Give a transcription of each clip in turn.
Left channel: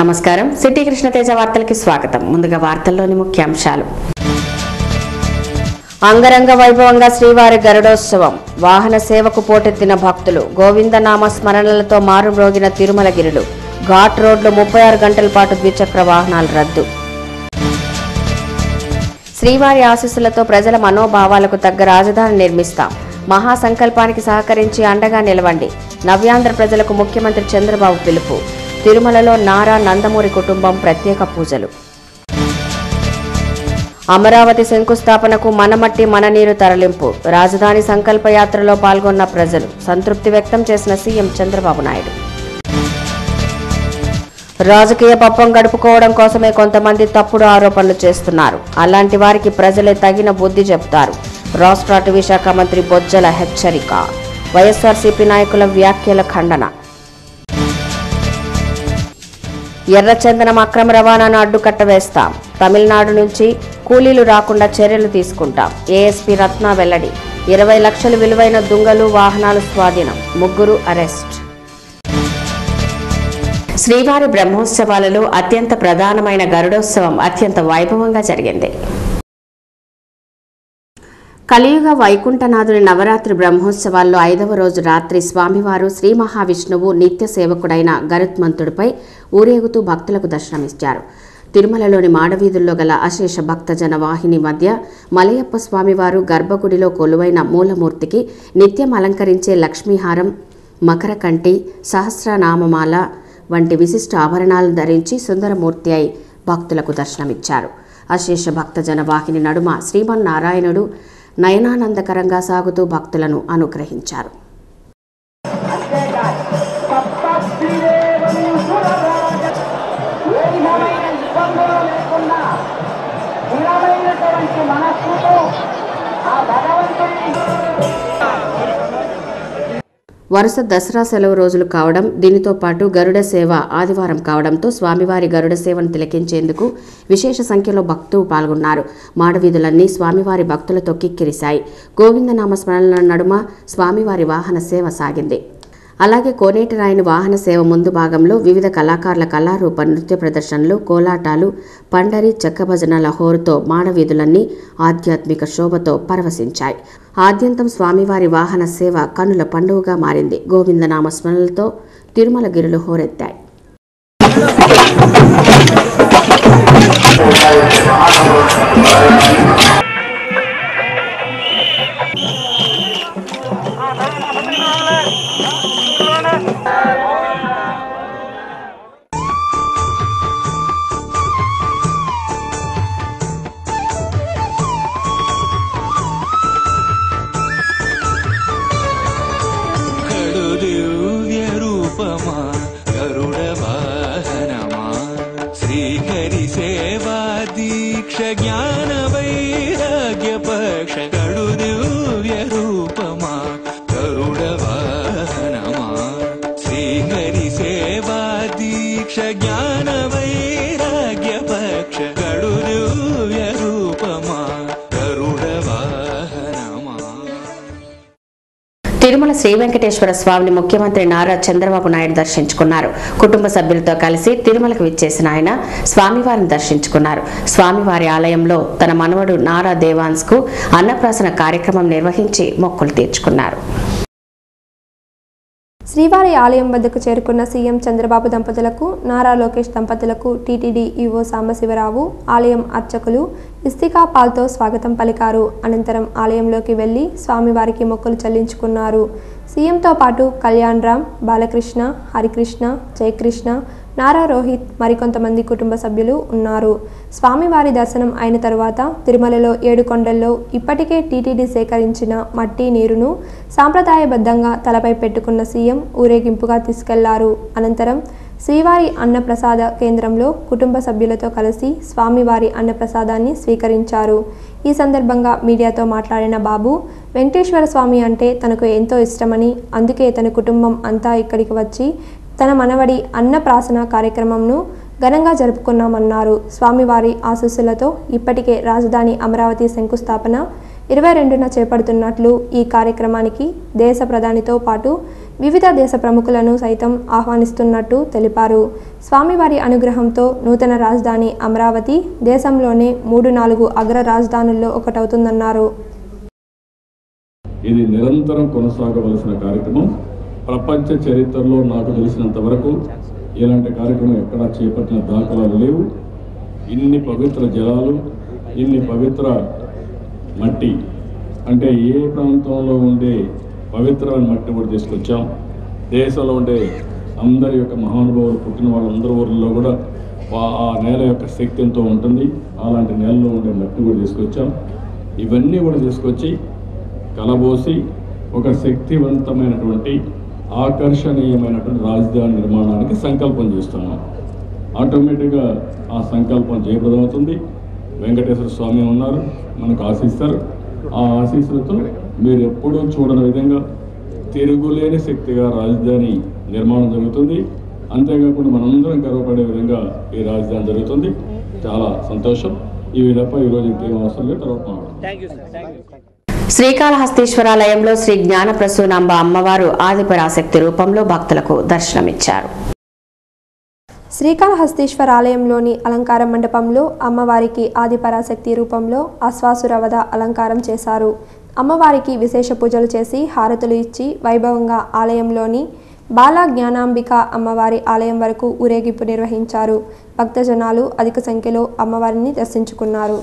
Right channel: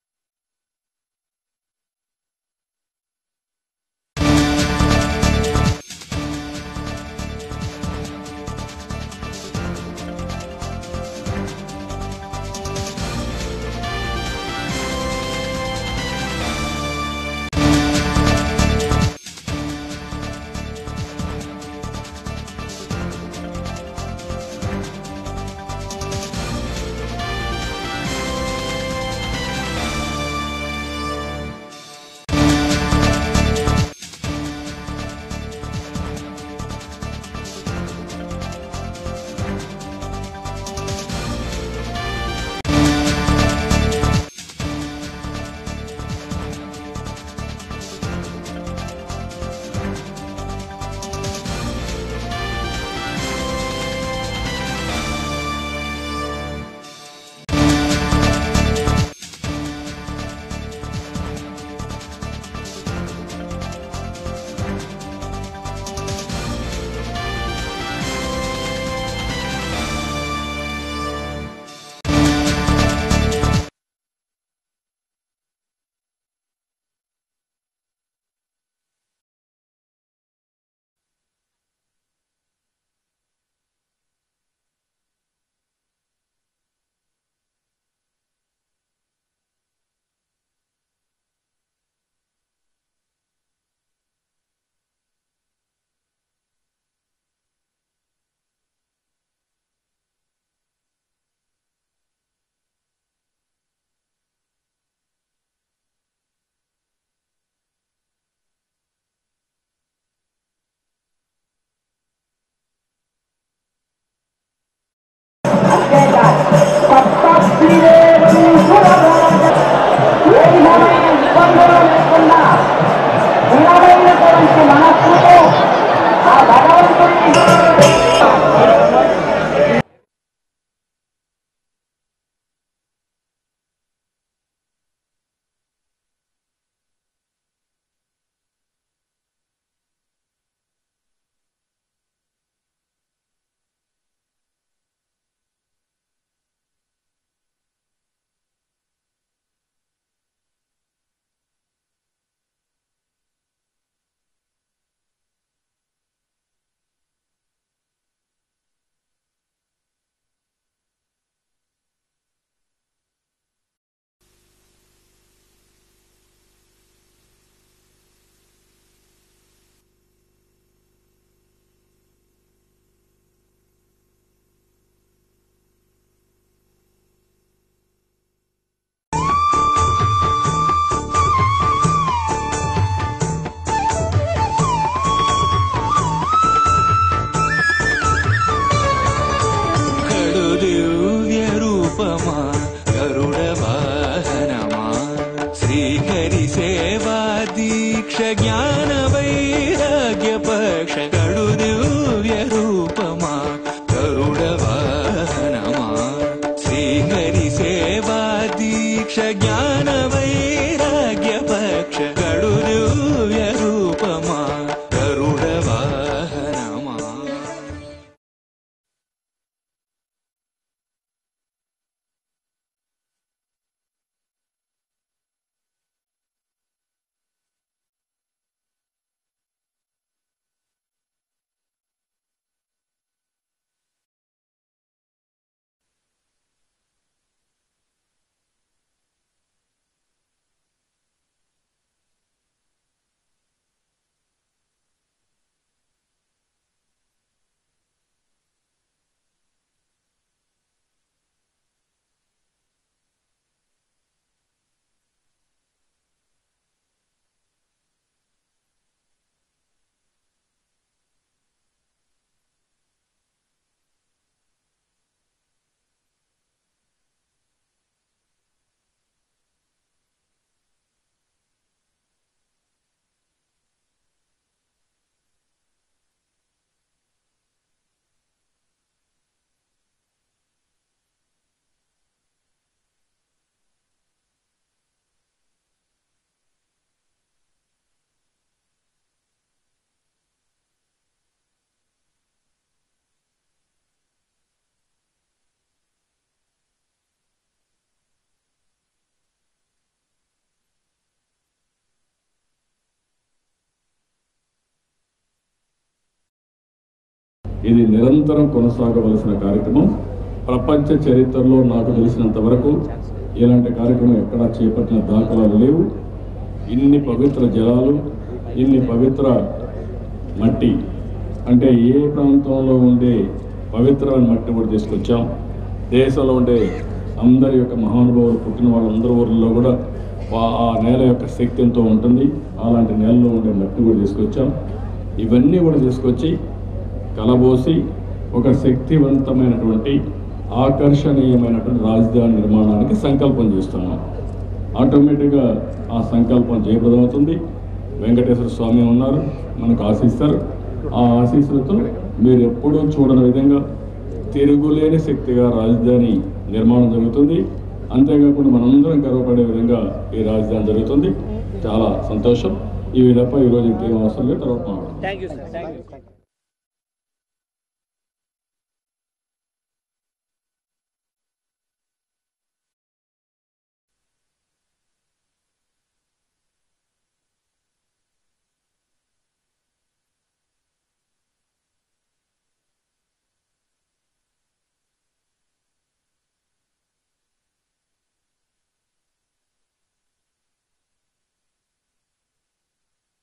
నమస్కారం సిటీ కృష్ణ తేజ వార్తలకి స్వాగతం. ముందుగా వార్తల్లోని ముఖ్యాంశాలు. అంగరంగ వైభవంగా శ్రీవారి గరుడోత్సవం. వాహన సేవకు పోటెత్తిన భక్తులు. గోవిందనామ స్మరణలతో మారుమ్రోగిన తిరుమలగిరులు. ఘాట్ రోడ్లు 36 గంటల పాటు ద్విచక్ర వాహనాలు రద్దు. శ్రీవారి ఆశీస్సులతో ప్రజల మనోభావాలకు తగ్గ రాజధాని నిర్మిస్తాం. మహాసంకల్పానికి సహకరించి అండగా నిలవండి. నవ్యాంధ్ర ప్రజలకు ముఖ్యమంత్రి చంద్రబాబు పిలుపు. తిరుమలలో నారా నందమూరి కుటుంబం ప్రత్యేక పూజలు. అమరావతి శంకుస్థాపనకు మనమట్టి మననీరు తరలింపు. రాజధాని సంకల్ప యాత్రలో పాల్గొన్న ప్రజలు. సంతృప్తి వ్యక్తం చేసిన సీఎం చంద్రబాబు నాయుడు. రాజకీయ పప్పం గడుపుకోవడం కోసమే కొంతమంది తప్పుడు ఆరోపణలు చేస్తున్నారు. అలాంటి వారికి ప్రజలే తగిన బుద్ధి చెప్తారు. రాష్ట్ర అటవీ శాఖ మంత్రి బొజ్జల హెచ్చరిక. వైఎస్ఆర్సీపీ నాయకుల వ్యాఖ్యల ఖండన. ఎర్రచందనం అక్రమ రవాణాను అడ్డుకట్ట వేస్తాం. తమిళనాడు నుంచి కూలీలు రాకుండా చర్యలు తీసుకుంటాం. ఏఎస్పీ రత్న వెల్లడి. 20 లక్షలు విలువైన దుంగలు వాహనాలు స్వాధీనం. 3 అరెస్ట్. శ్రీవారి బ్రహ్మోత్సవాలలో అత్యంత ప్రధానమైన గరుడోత్సవం అత్యంత వైభవంగా జరిగింది. కలియుగ వైకుంఠనాథుని నవరాత్రి బ్రహ్మోత్సవాల్లో 5వ రోజు రాత్రి స్వామివారు శ్రీ మహావిష్ణువు నిత్య సేవకుడైన గరుత్మంతుడిపై ఊరేగుతూ భక్తులకు దర్శనమిచ్చారు. తిరుమలలోని మాడవీధుల్లో గల అశేష భక్తజన వాహిని మధ్య మలయప్ప స్వామివారు గర్భగుడిలో కొలువైన మూలమూర్తికి నిత్యం అలంకరించే లక్ష్మీహారం, మకరకంఠి, సహస్రనామమాల వంటి విశిష్ట ఆభరణాలను ధరించి సుందరమూర్తి అయి భక్తులకు దర్శనమిచ్చారు. అశేష భక్తజన వాహిని నడుమ శ్రీమన్నారాయణుడు నయనానందకరంగా సాగుతూ భక్తులను అనుగ్రహించారు. వరుస దసరా సెలవు రోజులు కావడం, దీనితో పాటు గరుడ సేవ ఆదివారం కావడంతో స్వామివారి గరుడ సేవను తిలకించేందుకు విశేష సంఖ్యలో భక్తులు పాల్గొన్నారు. మాడవీధులన్నీ స్వామివారి భక్తులతో కిక్కిరిశాయి. గోవిందనామ స్మరణల నడుమ స్వామివారి వాహన సేవ సాగింది. అలాగే కోనేటి రాయని వాహన సేవ ముందు భాగంలో వివిధ కళాకారుల కళారూప నృత్య ప్రదర్శనలు, కోలాటాలు, పండరి, చెక్కభజనల హోరుతో మాడవీధులన్నీ ఆధ్యాత్మిక శోభతో పరవశించాయి. ఆద్యంతం స్వామివారి వాహన సేవ కన్నుల పండుగగా మారింది. గోవిందనామ స్మరణలతో తిరుమలగిరులు హోరెత్తాయి. తిరుమల శ్రీ వెంకటేశ్వర స్వామిని ముఖ్యమంత్రి నారా చంద్రబాబు నాయుడు దర్శించుకున్నారు. కుటుంబ సభ్యులతో కలిసి తిరుమలకు విచ్చేసిన ఆయన స్వామివారిని దర్శించుకున్నారు. స్వామివారి ఆలయంలో తన మనవడు నారా దేవాన్స్ కు అన్నప్రాసన కార్యక్రమం నిర్వహించి మొక్కులు తీర్చుకున్నారు. శ్రీవారి ఆలయం వద్దకు చేరుకున్న సీఎం చంద్రబాబు దంపతులకు, నారా లోకేష్ దంపతులకు టీటీడీ ఈవో సాంబశివరావు, ఆలయం అర్చకులు ఇస్తికా పాల్తో స్వాగతం పలికారు. అనంతరం ఆలయంలోకి వెళ్లి స్వామివారికి మొక్కులు చెల్లించుకున్నారు. సీఎంతో పాటు కళ్యాణ్ రామ్, బాలకృష్ణ, హరికృష్ణ, జయకృష్ణ, నారా రోహిత్, మరికొంతమంది కుటుంబ సభ్యులు ఉన్నారు. స్వామివారి దర్శనం అయిన తరువాత తిరుమలలో 7 కొండల్లో ఇప్పటికే టీటీడీ సేకరించిన మట్టి నీరును సాంప్రదాయబద్ధంగా తలపై పెట్టుకున్న సీఎం ఊరేగింపుగా తీసుకెళ్లారు. అనంతరం శ్రీవారి అన్నప్రసాద కేంద్రంలో కుటుంబ సభ్యులతో కలిసి స్వామివారి అన్నప్రసాదాన్ని స్వీకరించారు. ఈ సందర్భంగా మీడియాతో మాట్లాడిన బాబు, వెంకటేశ్వర స్వామి అంటే తనకు ఎంతో ఇష్టమని, అందుకే తన కుటుంబం అంతా ఇక్కడికి వచ్చి తన మనవడి అన్నప్రాసన కార్యక్రమంను ఘనంగా జరుపుకున్నామన్నారు. స్వామివారి ఆశీస్సులతో ఇప్పటికే రాజధాని అమరావతి శంకుస్థాపన 22న చేపడుతున్నట్లు ఈ కార్యక్రమానికి దేశ ప్రధానితో పాటు వివిధ దేశ ప్రముఖులను సైతం ఆహ్వానిస్తున్నట్టు తెలిపారు. స్వామివారి అనుగ్రహంతో నూతన రాజధాని అమరావతి దేశంలోనే 3-4 అగ్ర రాజధానుల్లో ఒకటవుతుందన్నారు. ఇది నిరంతరం కొనసాగవలసిన కార్యక్రమం. ప్రపంచ చరిత్రలో నాకు తెలిసినంత వరకు ఇలాంటి కార్యక్రమం ఎక్కడా చేపట్టిన దాఖలాలు లేవు. ఇన్ని పవిత్ర జలాలు, ఇన్ని పవిత్ర మట్టి, అంటే ఏ ప్రాంతంలో ఉండే పవిత్రమైన మట్టి కూడా తీసుకొచ్చాం. దేశంలో ఉండే అందరి యొక్క మహానుభావులు పుట్టిన వాళ్ళందరి ఊర్లలో కూడా ఆ నేల యొక్క శక్తి ఎంతో ఉంటుంది. అలాంటి నేలలో ఉండే మట్టి కూడా తీసుకొచ్చాం. ఇవన్నీ కూడా తీసుకొచ్చి కలబోసి ఒక శక్తివంతమైనటువంటి ఆకర్షణీయమైనటువంటి రాజధాని నిర్మాణానికి సంకల్పం చేస్తున్నాం. ఆటోమేటిక్గా ఆ సంకల్పం జయప్రదమవుతుంది. వెంకటేశ్వర స్వామి ఉన్నారు, మనకు ఆశిస్తారు. ఆ ఆశీస్సులతో మీరు ఎప్పుడూ చూడని విధంగా తిరుగులేని శక్తిగా రాజధాని నిర్మాణం జరుగుతుంది. అంతేకాకుండా మనందరం గర్వపడే విధంగా ఈ రాజధాని జరుగుతుంది. చాలా సంతోషం. ఈ తప్ప ఈరోజు ఇంకేం అవసరం లేదు. తర్వాత శ్రీకాళహస్తీశ్వరాలయంలో శ్రీ జ్ఞానప్రసూనాంబ అమ్మవారు ఆదిపరాశక్తి రూపంలో భక్తులకు దర్శనమిచ్చారు. శ్రీకాళహస్తీశ్వర ఆలయంలోని అలంకార మండపంలో అమ్మవారికి ఆదిపరాశక్తి రూపంలో అశ్వాసురవద అలంకారం చేశారు. అమ్మవారికి విశేష పూజలు చేసి హారతులు ఇచ్చి వైభవంగా ఆలయంలోని బాలా జ్ఞానాంబిక అమ్మవారి ఆలయం వరకు ఊరేగింపు నిర్వహించారు. భక్తజనాలు అధిక సంఖ్యలో అమ్మవారిని దర్శించుకున్నారు.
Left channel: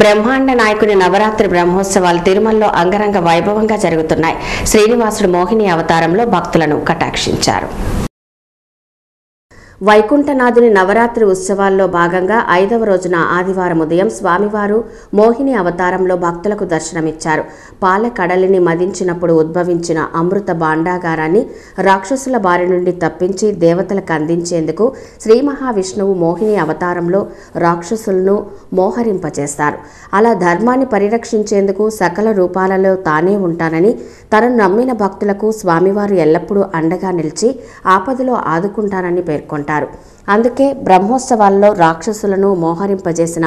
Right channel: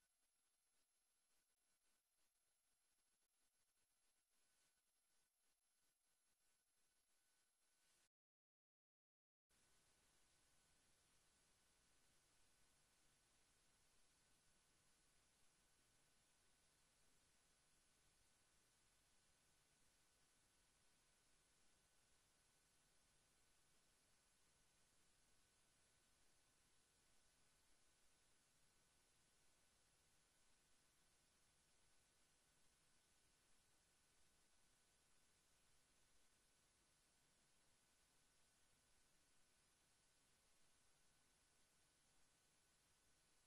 బ్రహ్మాండ నాయకుని నవరాత్రి బ్రహ్మోత్సవాలు తిరుమలలో అంగరంగ వైభవంగా జరుగుతున్నాయి. శ్రీనివాసుడు మోహిని అవతారంలో భక్తులను కటాక్షించారు. వైకుంఠనాథుని నవరాత్రి ఉత్సవాల్లో భాగంగా 5వ రోజున ఆదివారం ఉదయం స్వామివారు మోహిని అవతారంలో భక్తులకు దర్శనమిచ్చారు. పాల కడలిని మదించినప్పుడు ఉద్భవించిన అమృత భాండాగారాన్ని రాక్షసుల బారి నుండి తప్పించి దేవతలకు అందించేందుకు శ్రీ మహావిష్ణువు మోహిని అవతారంలో రాక్షసులను మోహరింపచేస్తారు. అలా ధర్మాన్ని పరిరక్షించేందుకు సకల రూపాలలో తానే ఉంటానని, తనను నమ్మిన భక్తులకు స్వామివారు ఎల్లప్పుడూ అండగా నిలిచి ఆపదలో ఆదుకుంటానని పేర్కొంటారు. అందుకే బ్రహ్మోత్సవాల్లో రాక్షసులను మోహరింపజేసిన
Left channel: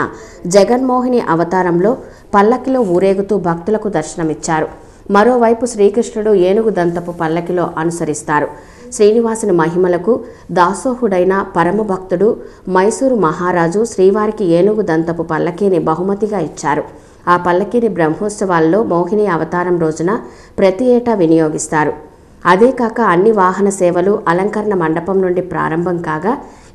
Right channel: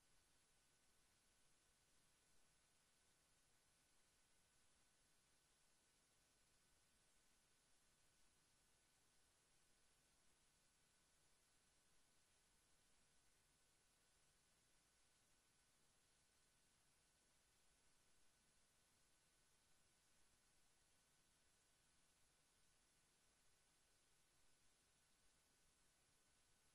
జగన్మోహిని అవతారంలో పల్లకిలో ఊరేగుతూ భక్తులకు దర్శనమిచ్చారు. మరోవైపు శ్రీకృష్ణుడు ఏనుగు దంతపు పల్లకిలో అనుసరిస్తారు. శ్రీనివాసుని మహిమలకు దాసోహుడైన పరమభక్తుడు మైసూరు మహారాజు శ్రీవారికి ఏనుగు దంతపు పల్లకీని బహుమతిగా ఇచ్చారు. ఆ పల్లకీని బ్రహ్మోత్సవాల్లో మోహిని అవతారం రోజున ప్రతి ఏటా వినియోగిస్తారు. అదే కాక అన్ని వాహన సేవలు అలంకరణ మండపం నుండి ప్రారంభం కాగా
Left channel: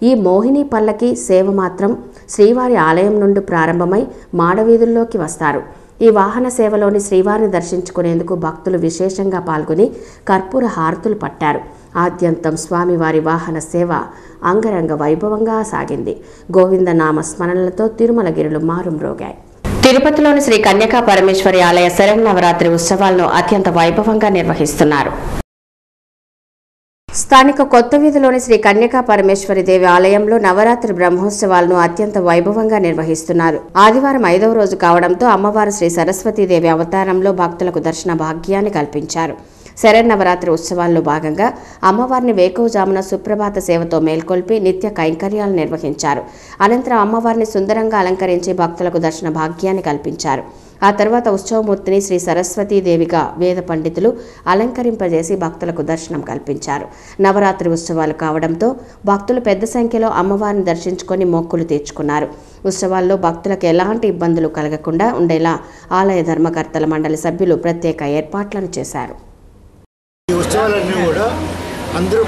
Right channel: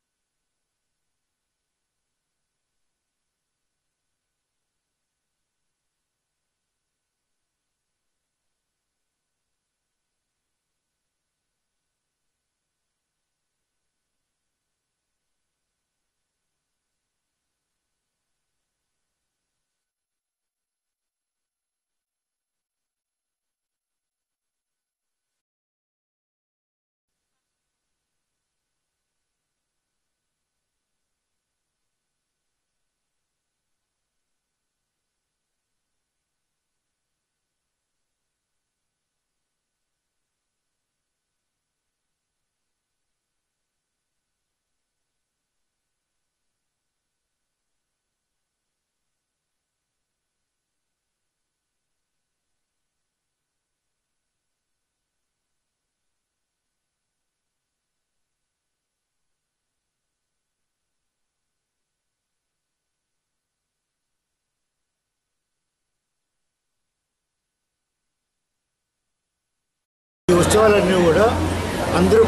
ఈ మోహిని పల్లకి సేవ మాత్రం శ్రీవారి ఆలయం నుండి ప్రారంభమై మాడవీధుల్లోకి వస్తారు. ఈ వాహన సేవలోని శ్రీవారిని దర్శించుకునేందుకు భక్తులు విశేషంగా పాల్గొని కర్పూర హారతులు పట్టారు. ఆద్యంతం స్వామివారి వాహన సేవ అంగరంగ వైభవంగా సాగింది. గోవిందనామ స్మరణలతో తిరుమలగిరులు మారుమ్రోగాయి. తిరుపతిలోని శ్రీ కన్యకా పరమేశ్వరి ఆలయ శరన్నవరాత్రి ఉత్సవాలను అత్యంత వైభవంగా నిర్వహిస్తున్నారు. స్థానిక కొత్త వీధిలోని శ్రీ కన్యకా పరమేశ్వరి దేవి ఆలయంలో నవరాత్రి బ్రహ్మోత్సవాలను అత్యంత వైభవంగా నిర్వహిస్తున్నారు. ఆదివారం 5వ రోజు కావడంతో అమ్మవారు శ్రీ సరస్వతీదేవి అవతారంలో భక్తులకు దర్శన భాగ్యాన్ని కల్పించారు. శరన్నవరాత్రి ఉత్సవాల్లో భాగంగా అమ్మవారిని వేకువజామున సుప్రభాత సేవతో మేల్కొల్పి నిత్య కైంకర్యాలు నిర్వహించారు. అనంతరం అమ్మవారిని సుందరంగా అలంకరించి భక్తులకు దర్శన భాగ్యాన్ని కల్పించారు. ఆ తర్వాత ఉత్సవమూర్తిని శ్రీ సరస్వతీదేవిగా వేద పండితులు అలంకరింపజేసి భక్తులకు దర్శనం కల్పించారు. నవరాత్రి ఉత్సవాలు కావడంతో భక్తులు పెద్ద సంఖ్యలో అమ్మవారిని దర్శించుకొని మొక్కులు తీర్చుకున్నారు. ఉత్సవాల్లో భక్తులకు ఎలాంటి ఇబ్బందులు కలగకుండా ఉండేలా ఆలయ ధర్మకర్తల మండలి సభ్యులు ప్రత్యేక ఏర్పాట్లను చేశారు. ఈ ఉత్సవాలన్నీ కూడా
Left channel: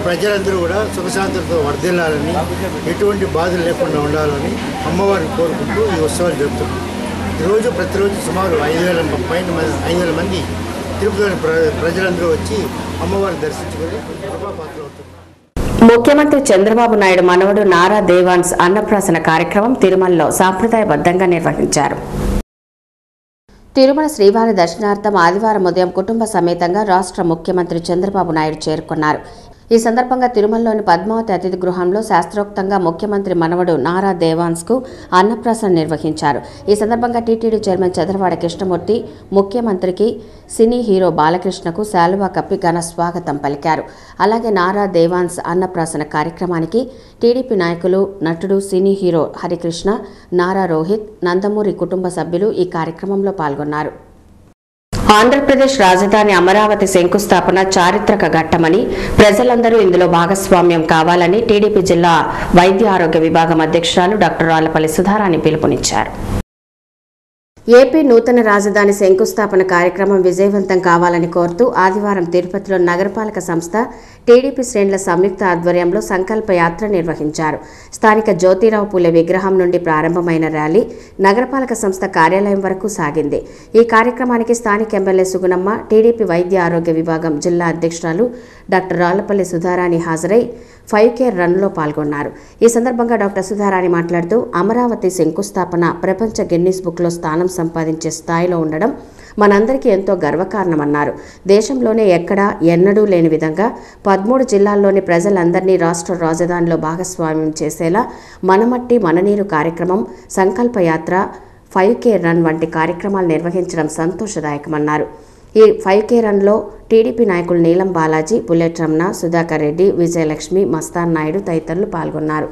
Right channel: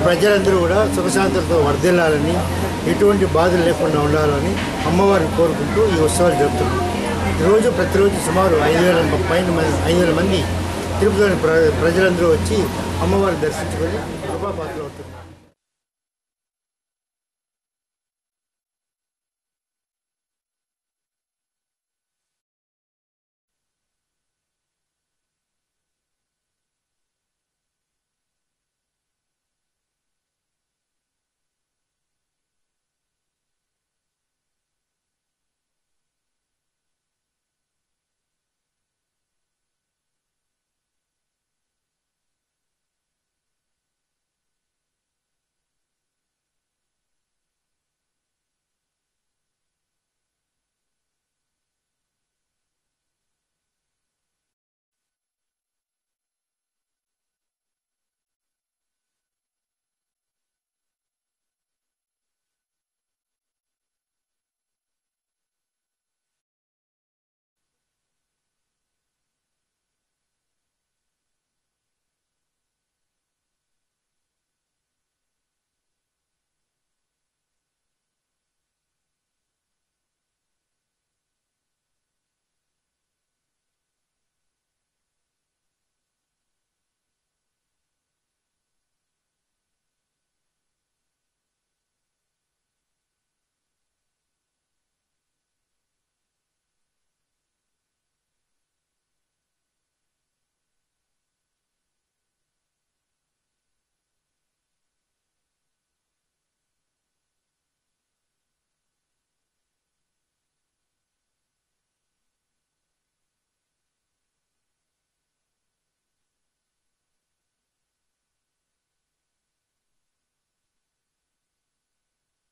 ప్రజలందరూ కూడా సుఖశాంతులతో వర్ధిల్లాలని, ఎటువంటి బాధలు లేకుండా ఉండాలని అమ్మవారిని కోరుకుంటూ ఈ ఉత్సవాలు జరుపుతున్నాం. ప్రతిరోజు సుమారు 5,000 మంది తిరుపతిలోని ప్రజలందరూ వచ్చి అమ్మవారిని దర్శించుకొని కృపాపాత్రలు అవుతున్నారు. ముఖ్యమంత్రి చంద్రబాబు నాయుడు మనవడు నారా దేవాన్స్ అన్నప్రాసన కార్యక్రమం తిరుమలలో సాంప్రదాయబద్ధంగా నిర్వహించారు. తిరుమల శ్రీవారి దర్శనార్థం ఆదివారం ఉదయం కుటుంబ సమేతంగా రాష్ట్ర ముఖ్యమంత్రి చంద్రబాబు నాయుడు చేరుకున్నారు. ఈ సందర్భంగా తిరుమలలోని పద్మావతి అతిథి గృహంలో శాస్త్రోక్తంగా ముఖ్యమంత్రి మనవడు నారా దేవాన్స్కు అన్నప్రాసన నిర్వహించారు. ఈ సందర్భంగా టీటీడీ చైర్మన్ చంద్రవాడ కృష్ణమూర్తి ముఖ్యమంత్రికి సినీ హీరో బాలకృష్ణకు శాలువా కప్పి ఘన స్వాగతం పలికారు. అలాగే నారా దేవాన్స్ అన్నప్రాసన కార్యక్రమానికి టీడీపీ నాయకులు, నటుడు, సినీ హీరో హరికృష్ణ, నారా రోహిత్, నందమూరి కుటుంబ సభ్యులు ఈ కార్యక్రమంలో పాల్గొన్నారు. ఆంధ్రప్రదేశ్ రాజధాని అమరావతి శంకుస్థాపన చారిత్రక ఘట్టమని, ప్రజలందరూ ఇందులో భాగస్వామ్యం కావాలని టీడీపీ జిల్లా వైద్య ఆరోగ్య విభాగం అధ్యక్షురాలు డాక్టర్ రాళ్లపల్లి సుధారాణి పిలుపునిచ్చారు. ఏపీ నూతన రాజధాని శంకుస్థాపన కార్యక్రమం విజయవంతం కావాలని కోరుతూ ఆదివారం తిరుపతిలో నగరపాలక సంస్థ, టీడీపీ శ్రేణుల సంయుక్త ఆధ్వర్యంలో సంకల్ప యాత్ర నిర్వహించారు. స్థానిక జ్యోతిరావు పూలే విగ్రహం నుండి ప్రారంభమైన ర్యాలీ నగరపాలక సంస్థ కార్యాలయం వరకు సాగింది. ఈ కార్యక్రమానికి స్థానిక ఎమ్మెల్యే సుగుణమ్మ, టీడీపీ వైద్య ఆరోగ్య విభాగం జిల్లా అధ్యక్షురాలు డాక్టర్ రాళ్లపల్లి సుధారాణి హాజరై 5K రన్లో పాల్గొన్నారు. ఈ సందర్భంగా డాక్టర్ సుధారాణి మాట్లాడుతూ అమరావతి శంకుస్థాపన ప్రపంచ గిన్నిస్ బుక్లో స్థానం సంపాదించే స్థాయిలో ఉండడం మనందరికీ ఎంతో గర్వకారణమన్నారు. దేశంలోనే ఎక్కడా ఎన్నడూ లేని విధంగా 13 జిల్లాల్లోని ప్రజలందరినీ రాష్ట్ర రాజధానిలో భాగస్వామ్యం చేసేలా మనమట్టి మననీరు కార్యక్రమం, సంకల్ప యాత్ర, 5K రన్ వంటి కార్యక్రమాలు నిర్వహించడం సంతోషదాయకమన్నారు. ఈ 5K రన్లో టీడీపీ నాయకులు నీలం బాలాజీ, బుల్లెట్ రమణ, సుధాకర్ రెడ్డి, విజయలక్ష్మి, మస్తాన్ నాయుడు తదితరులు పాల్గొన్నారు.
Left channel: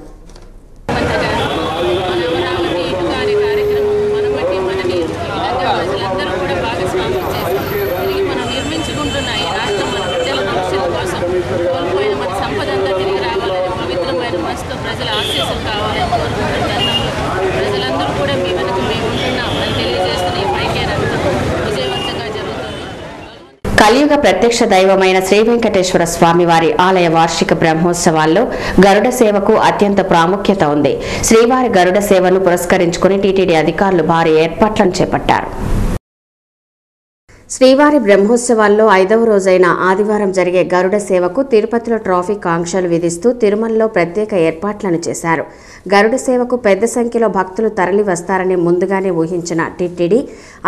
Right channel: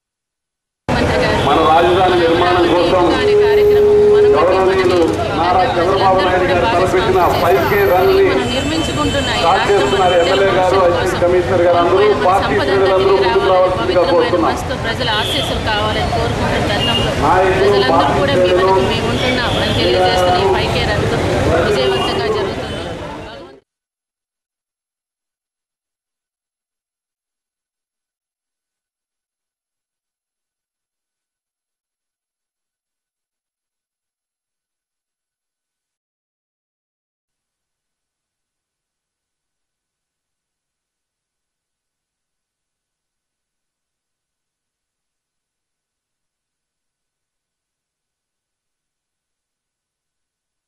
ప్రజల ఆశీస్సులు కావాలని కోరుకుంటున్న తరుణంలో ప్రజలందరూ కూడా మీ వెనక మేము ఉంటున్నాం అని తెలియజేస్తున్న ఈ 5K రన్ విజయవంతంగా జరుగుతుంది. కలియుగ ప్రత్యక్ష దైవమైన శ్రీ వెంకటేశ్వర స్వామివారి ఆలయ వార్షిక బ్రహ్మోత్సవాల్లో గరుడ సేవకు అత్యంత ప్రాముఖ్యత ఉంది. శ్రీవారి గరుడ సేవను పురస్కరించుకుని టీటీడీ అధికారులు భారీ ఏర్పాట్లను చేపట్టారు. శ్రీవారి బ్రహ్మోత్సవాల్లో 5వ రోజైన ఆదివారం జరిగే గరుడ సేవకు తిరుపతిలో ట్రాఫిక్ ఆంక్షలు విధిస్తూ తిరుమలలో ప్రత్యేక ఏర్పాట్లను చేశారు. గరుడ సేవకు పెద్ద సంఖ్యలో భక్తులు తరలి వస్తారని ముందుగానే ఊహించిన టీటీడీ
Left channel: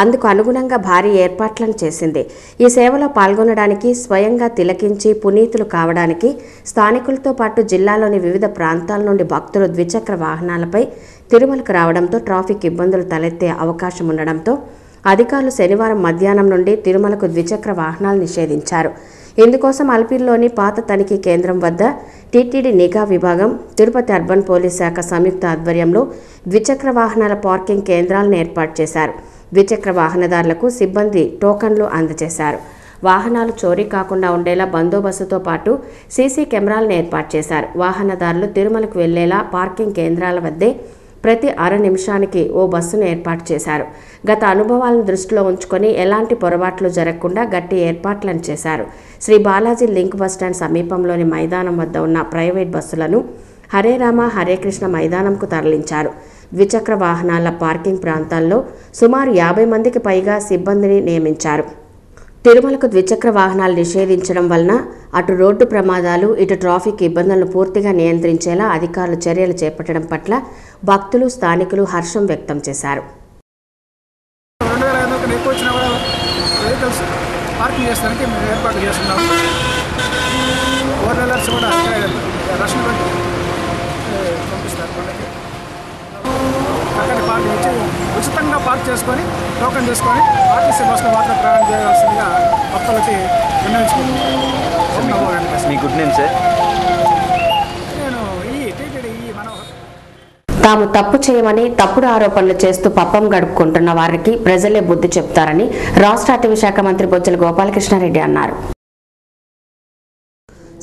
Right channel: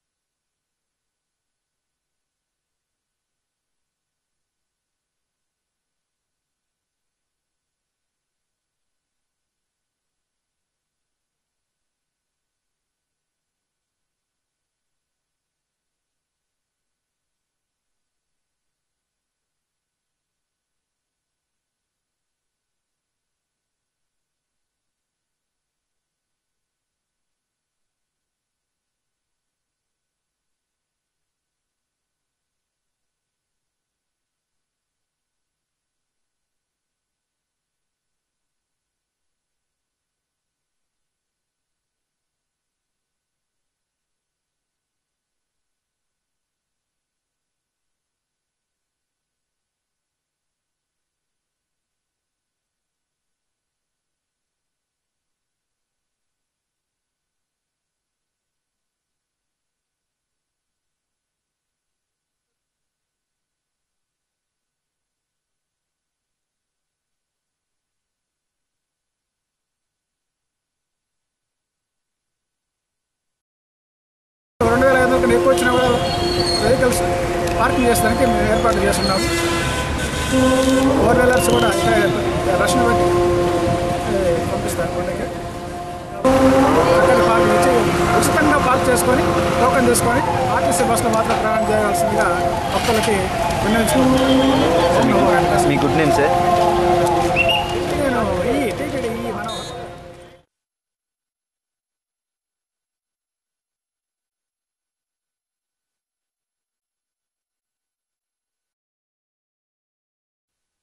అందుకు అనుగుణంగా భారీ ఏర్పాట్లను చేసింది. ఈ సేవలో పాల్గొనడానికి, స్వయంగా తిలకించి పునీతులు కావడానికి స్థానికులతో పాటు జిల్లాలోని వివిధ ప్రాంతాల నుండి భక్తులు ద్విచక్ర వాహనాలపై తిరుమలకు రావడంతో ట్రాఫిక్ ఇబ్బందులు తలెత్తే అవకాశం ఉండడంతో అధికారులు శనివారం మధ్యాహ్నం నుండి తిరుమలకు ద్విచక్ర వాహనాలు నిషేధించారు. ఇందుకోసం అల్పిరిలోని పాత తనిఖీ కేంద్రం వద్ద టీటీడీ నిఘా విభాగం, తిరుపతి అర్బన్ పోలీస్ శాఖ సంయుక్త ఆధ్వర్యంలో ద్విచక్ర వాహనాల పార్కింగ్ కేంద్రాలను ఏర్పాటు చేశారు. ద్విచక్ర వాహనదారులకు సిబ్బంది టోకన్లు అందజేశారు. వాహనాలు చోరీ కాకుండా ఉండేలా బందోబస్తుతో పాటు సీసీ కెమెరాలను ఏర్పాటు చేశారు. వాహనదారులు తిరుమలకు వెళ్లేలా పార్కింగ్ కేంద్రాల వద్దే ప్రతి 6 నిమిషానికి ఓ బస్సును ఏర్పాటు చేశారు. గత అనుభవాలను దృష్టిలో ఉంచుకొని ఎలాంటి పొరపాట్లు జరగకుండా గట్టి ఏర్పాట్లను చేశారు. శ్రీ బాలాజీ లింక్ బస్టాండ్ సమీపంలోని మైదానం వద్ద ఉన్న ప్రైవేట్ బస్సులను హరే రామ హరే కృష్ణ మైదానంకు తరలించారు. ద్విచక్ర వాహనాల పార్కింగ్ ప్రాంతాల్లో సుమారు 50 మందికి పైగా సిబ్బందిని నియమించారు. తిరుమలకు ద్విచక్ర వాహనాలు నిషేధించడం వలన అటు రోడ్డు ప్రమాదాలు, ఇటు ట్రాఫిక్ ఇబ్బందులను పూర్తిగా నియంత్రించేలా అధికారులు చర్యలు చేపట్టడం పట్ల భక్తులు, స్థానికులు హర్షం వ్యక్తం చేశారు. 2500 కన్నా ఎక్కువ వచ్చినా కూడా వెహికల్స్ పార్కింగ్ చేసడానికి మేము ఏర్పాటు చేస్తున్నాము. 4 వీలర్స్ కూడా రష్ను బట్టి పంపిస్తారు. కొండకి చక్కటి పార్కింగ్ ఇచ్చి ఉచితంగా పార్క్ చేసుకొని టోకన్ చేసుకొని ఆర్టీసీ బస్సులో మాత్రం ప్రయాణం చేయాల్సిందిగా భక్తులకి విన్నవించుకుంటున్నాను. మీ గుడ్ నేమ్ సార్? నేను ఈ టీటీడీ మనోహర్. తాము తప్పు చేయమని తప్పుడు ఆరోపణలు చేస్తూ పప్పం గడుపుకుంటున్న వారికి ప్రజలే బుద్ధి చెప్తారని రాష్ట్ర అటవీ శాఖ మంత్రి బొజ్జల గోపాలకృష్ణారెడ్డి అన్నారు.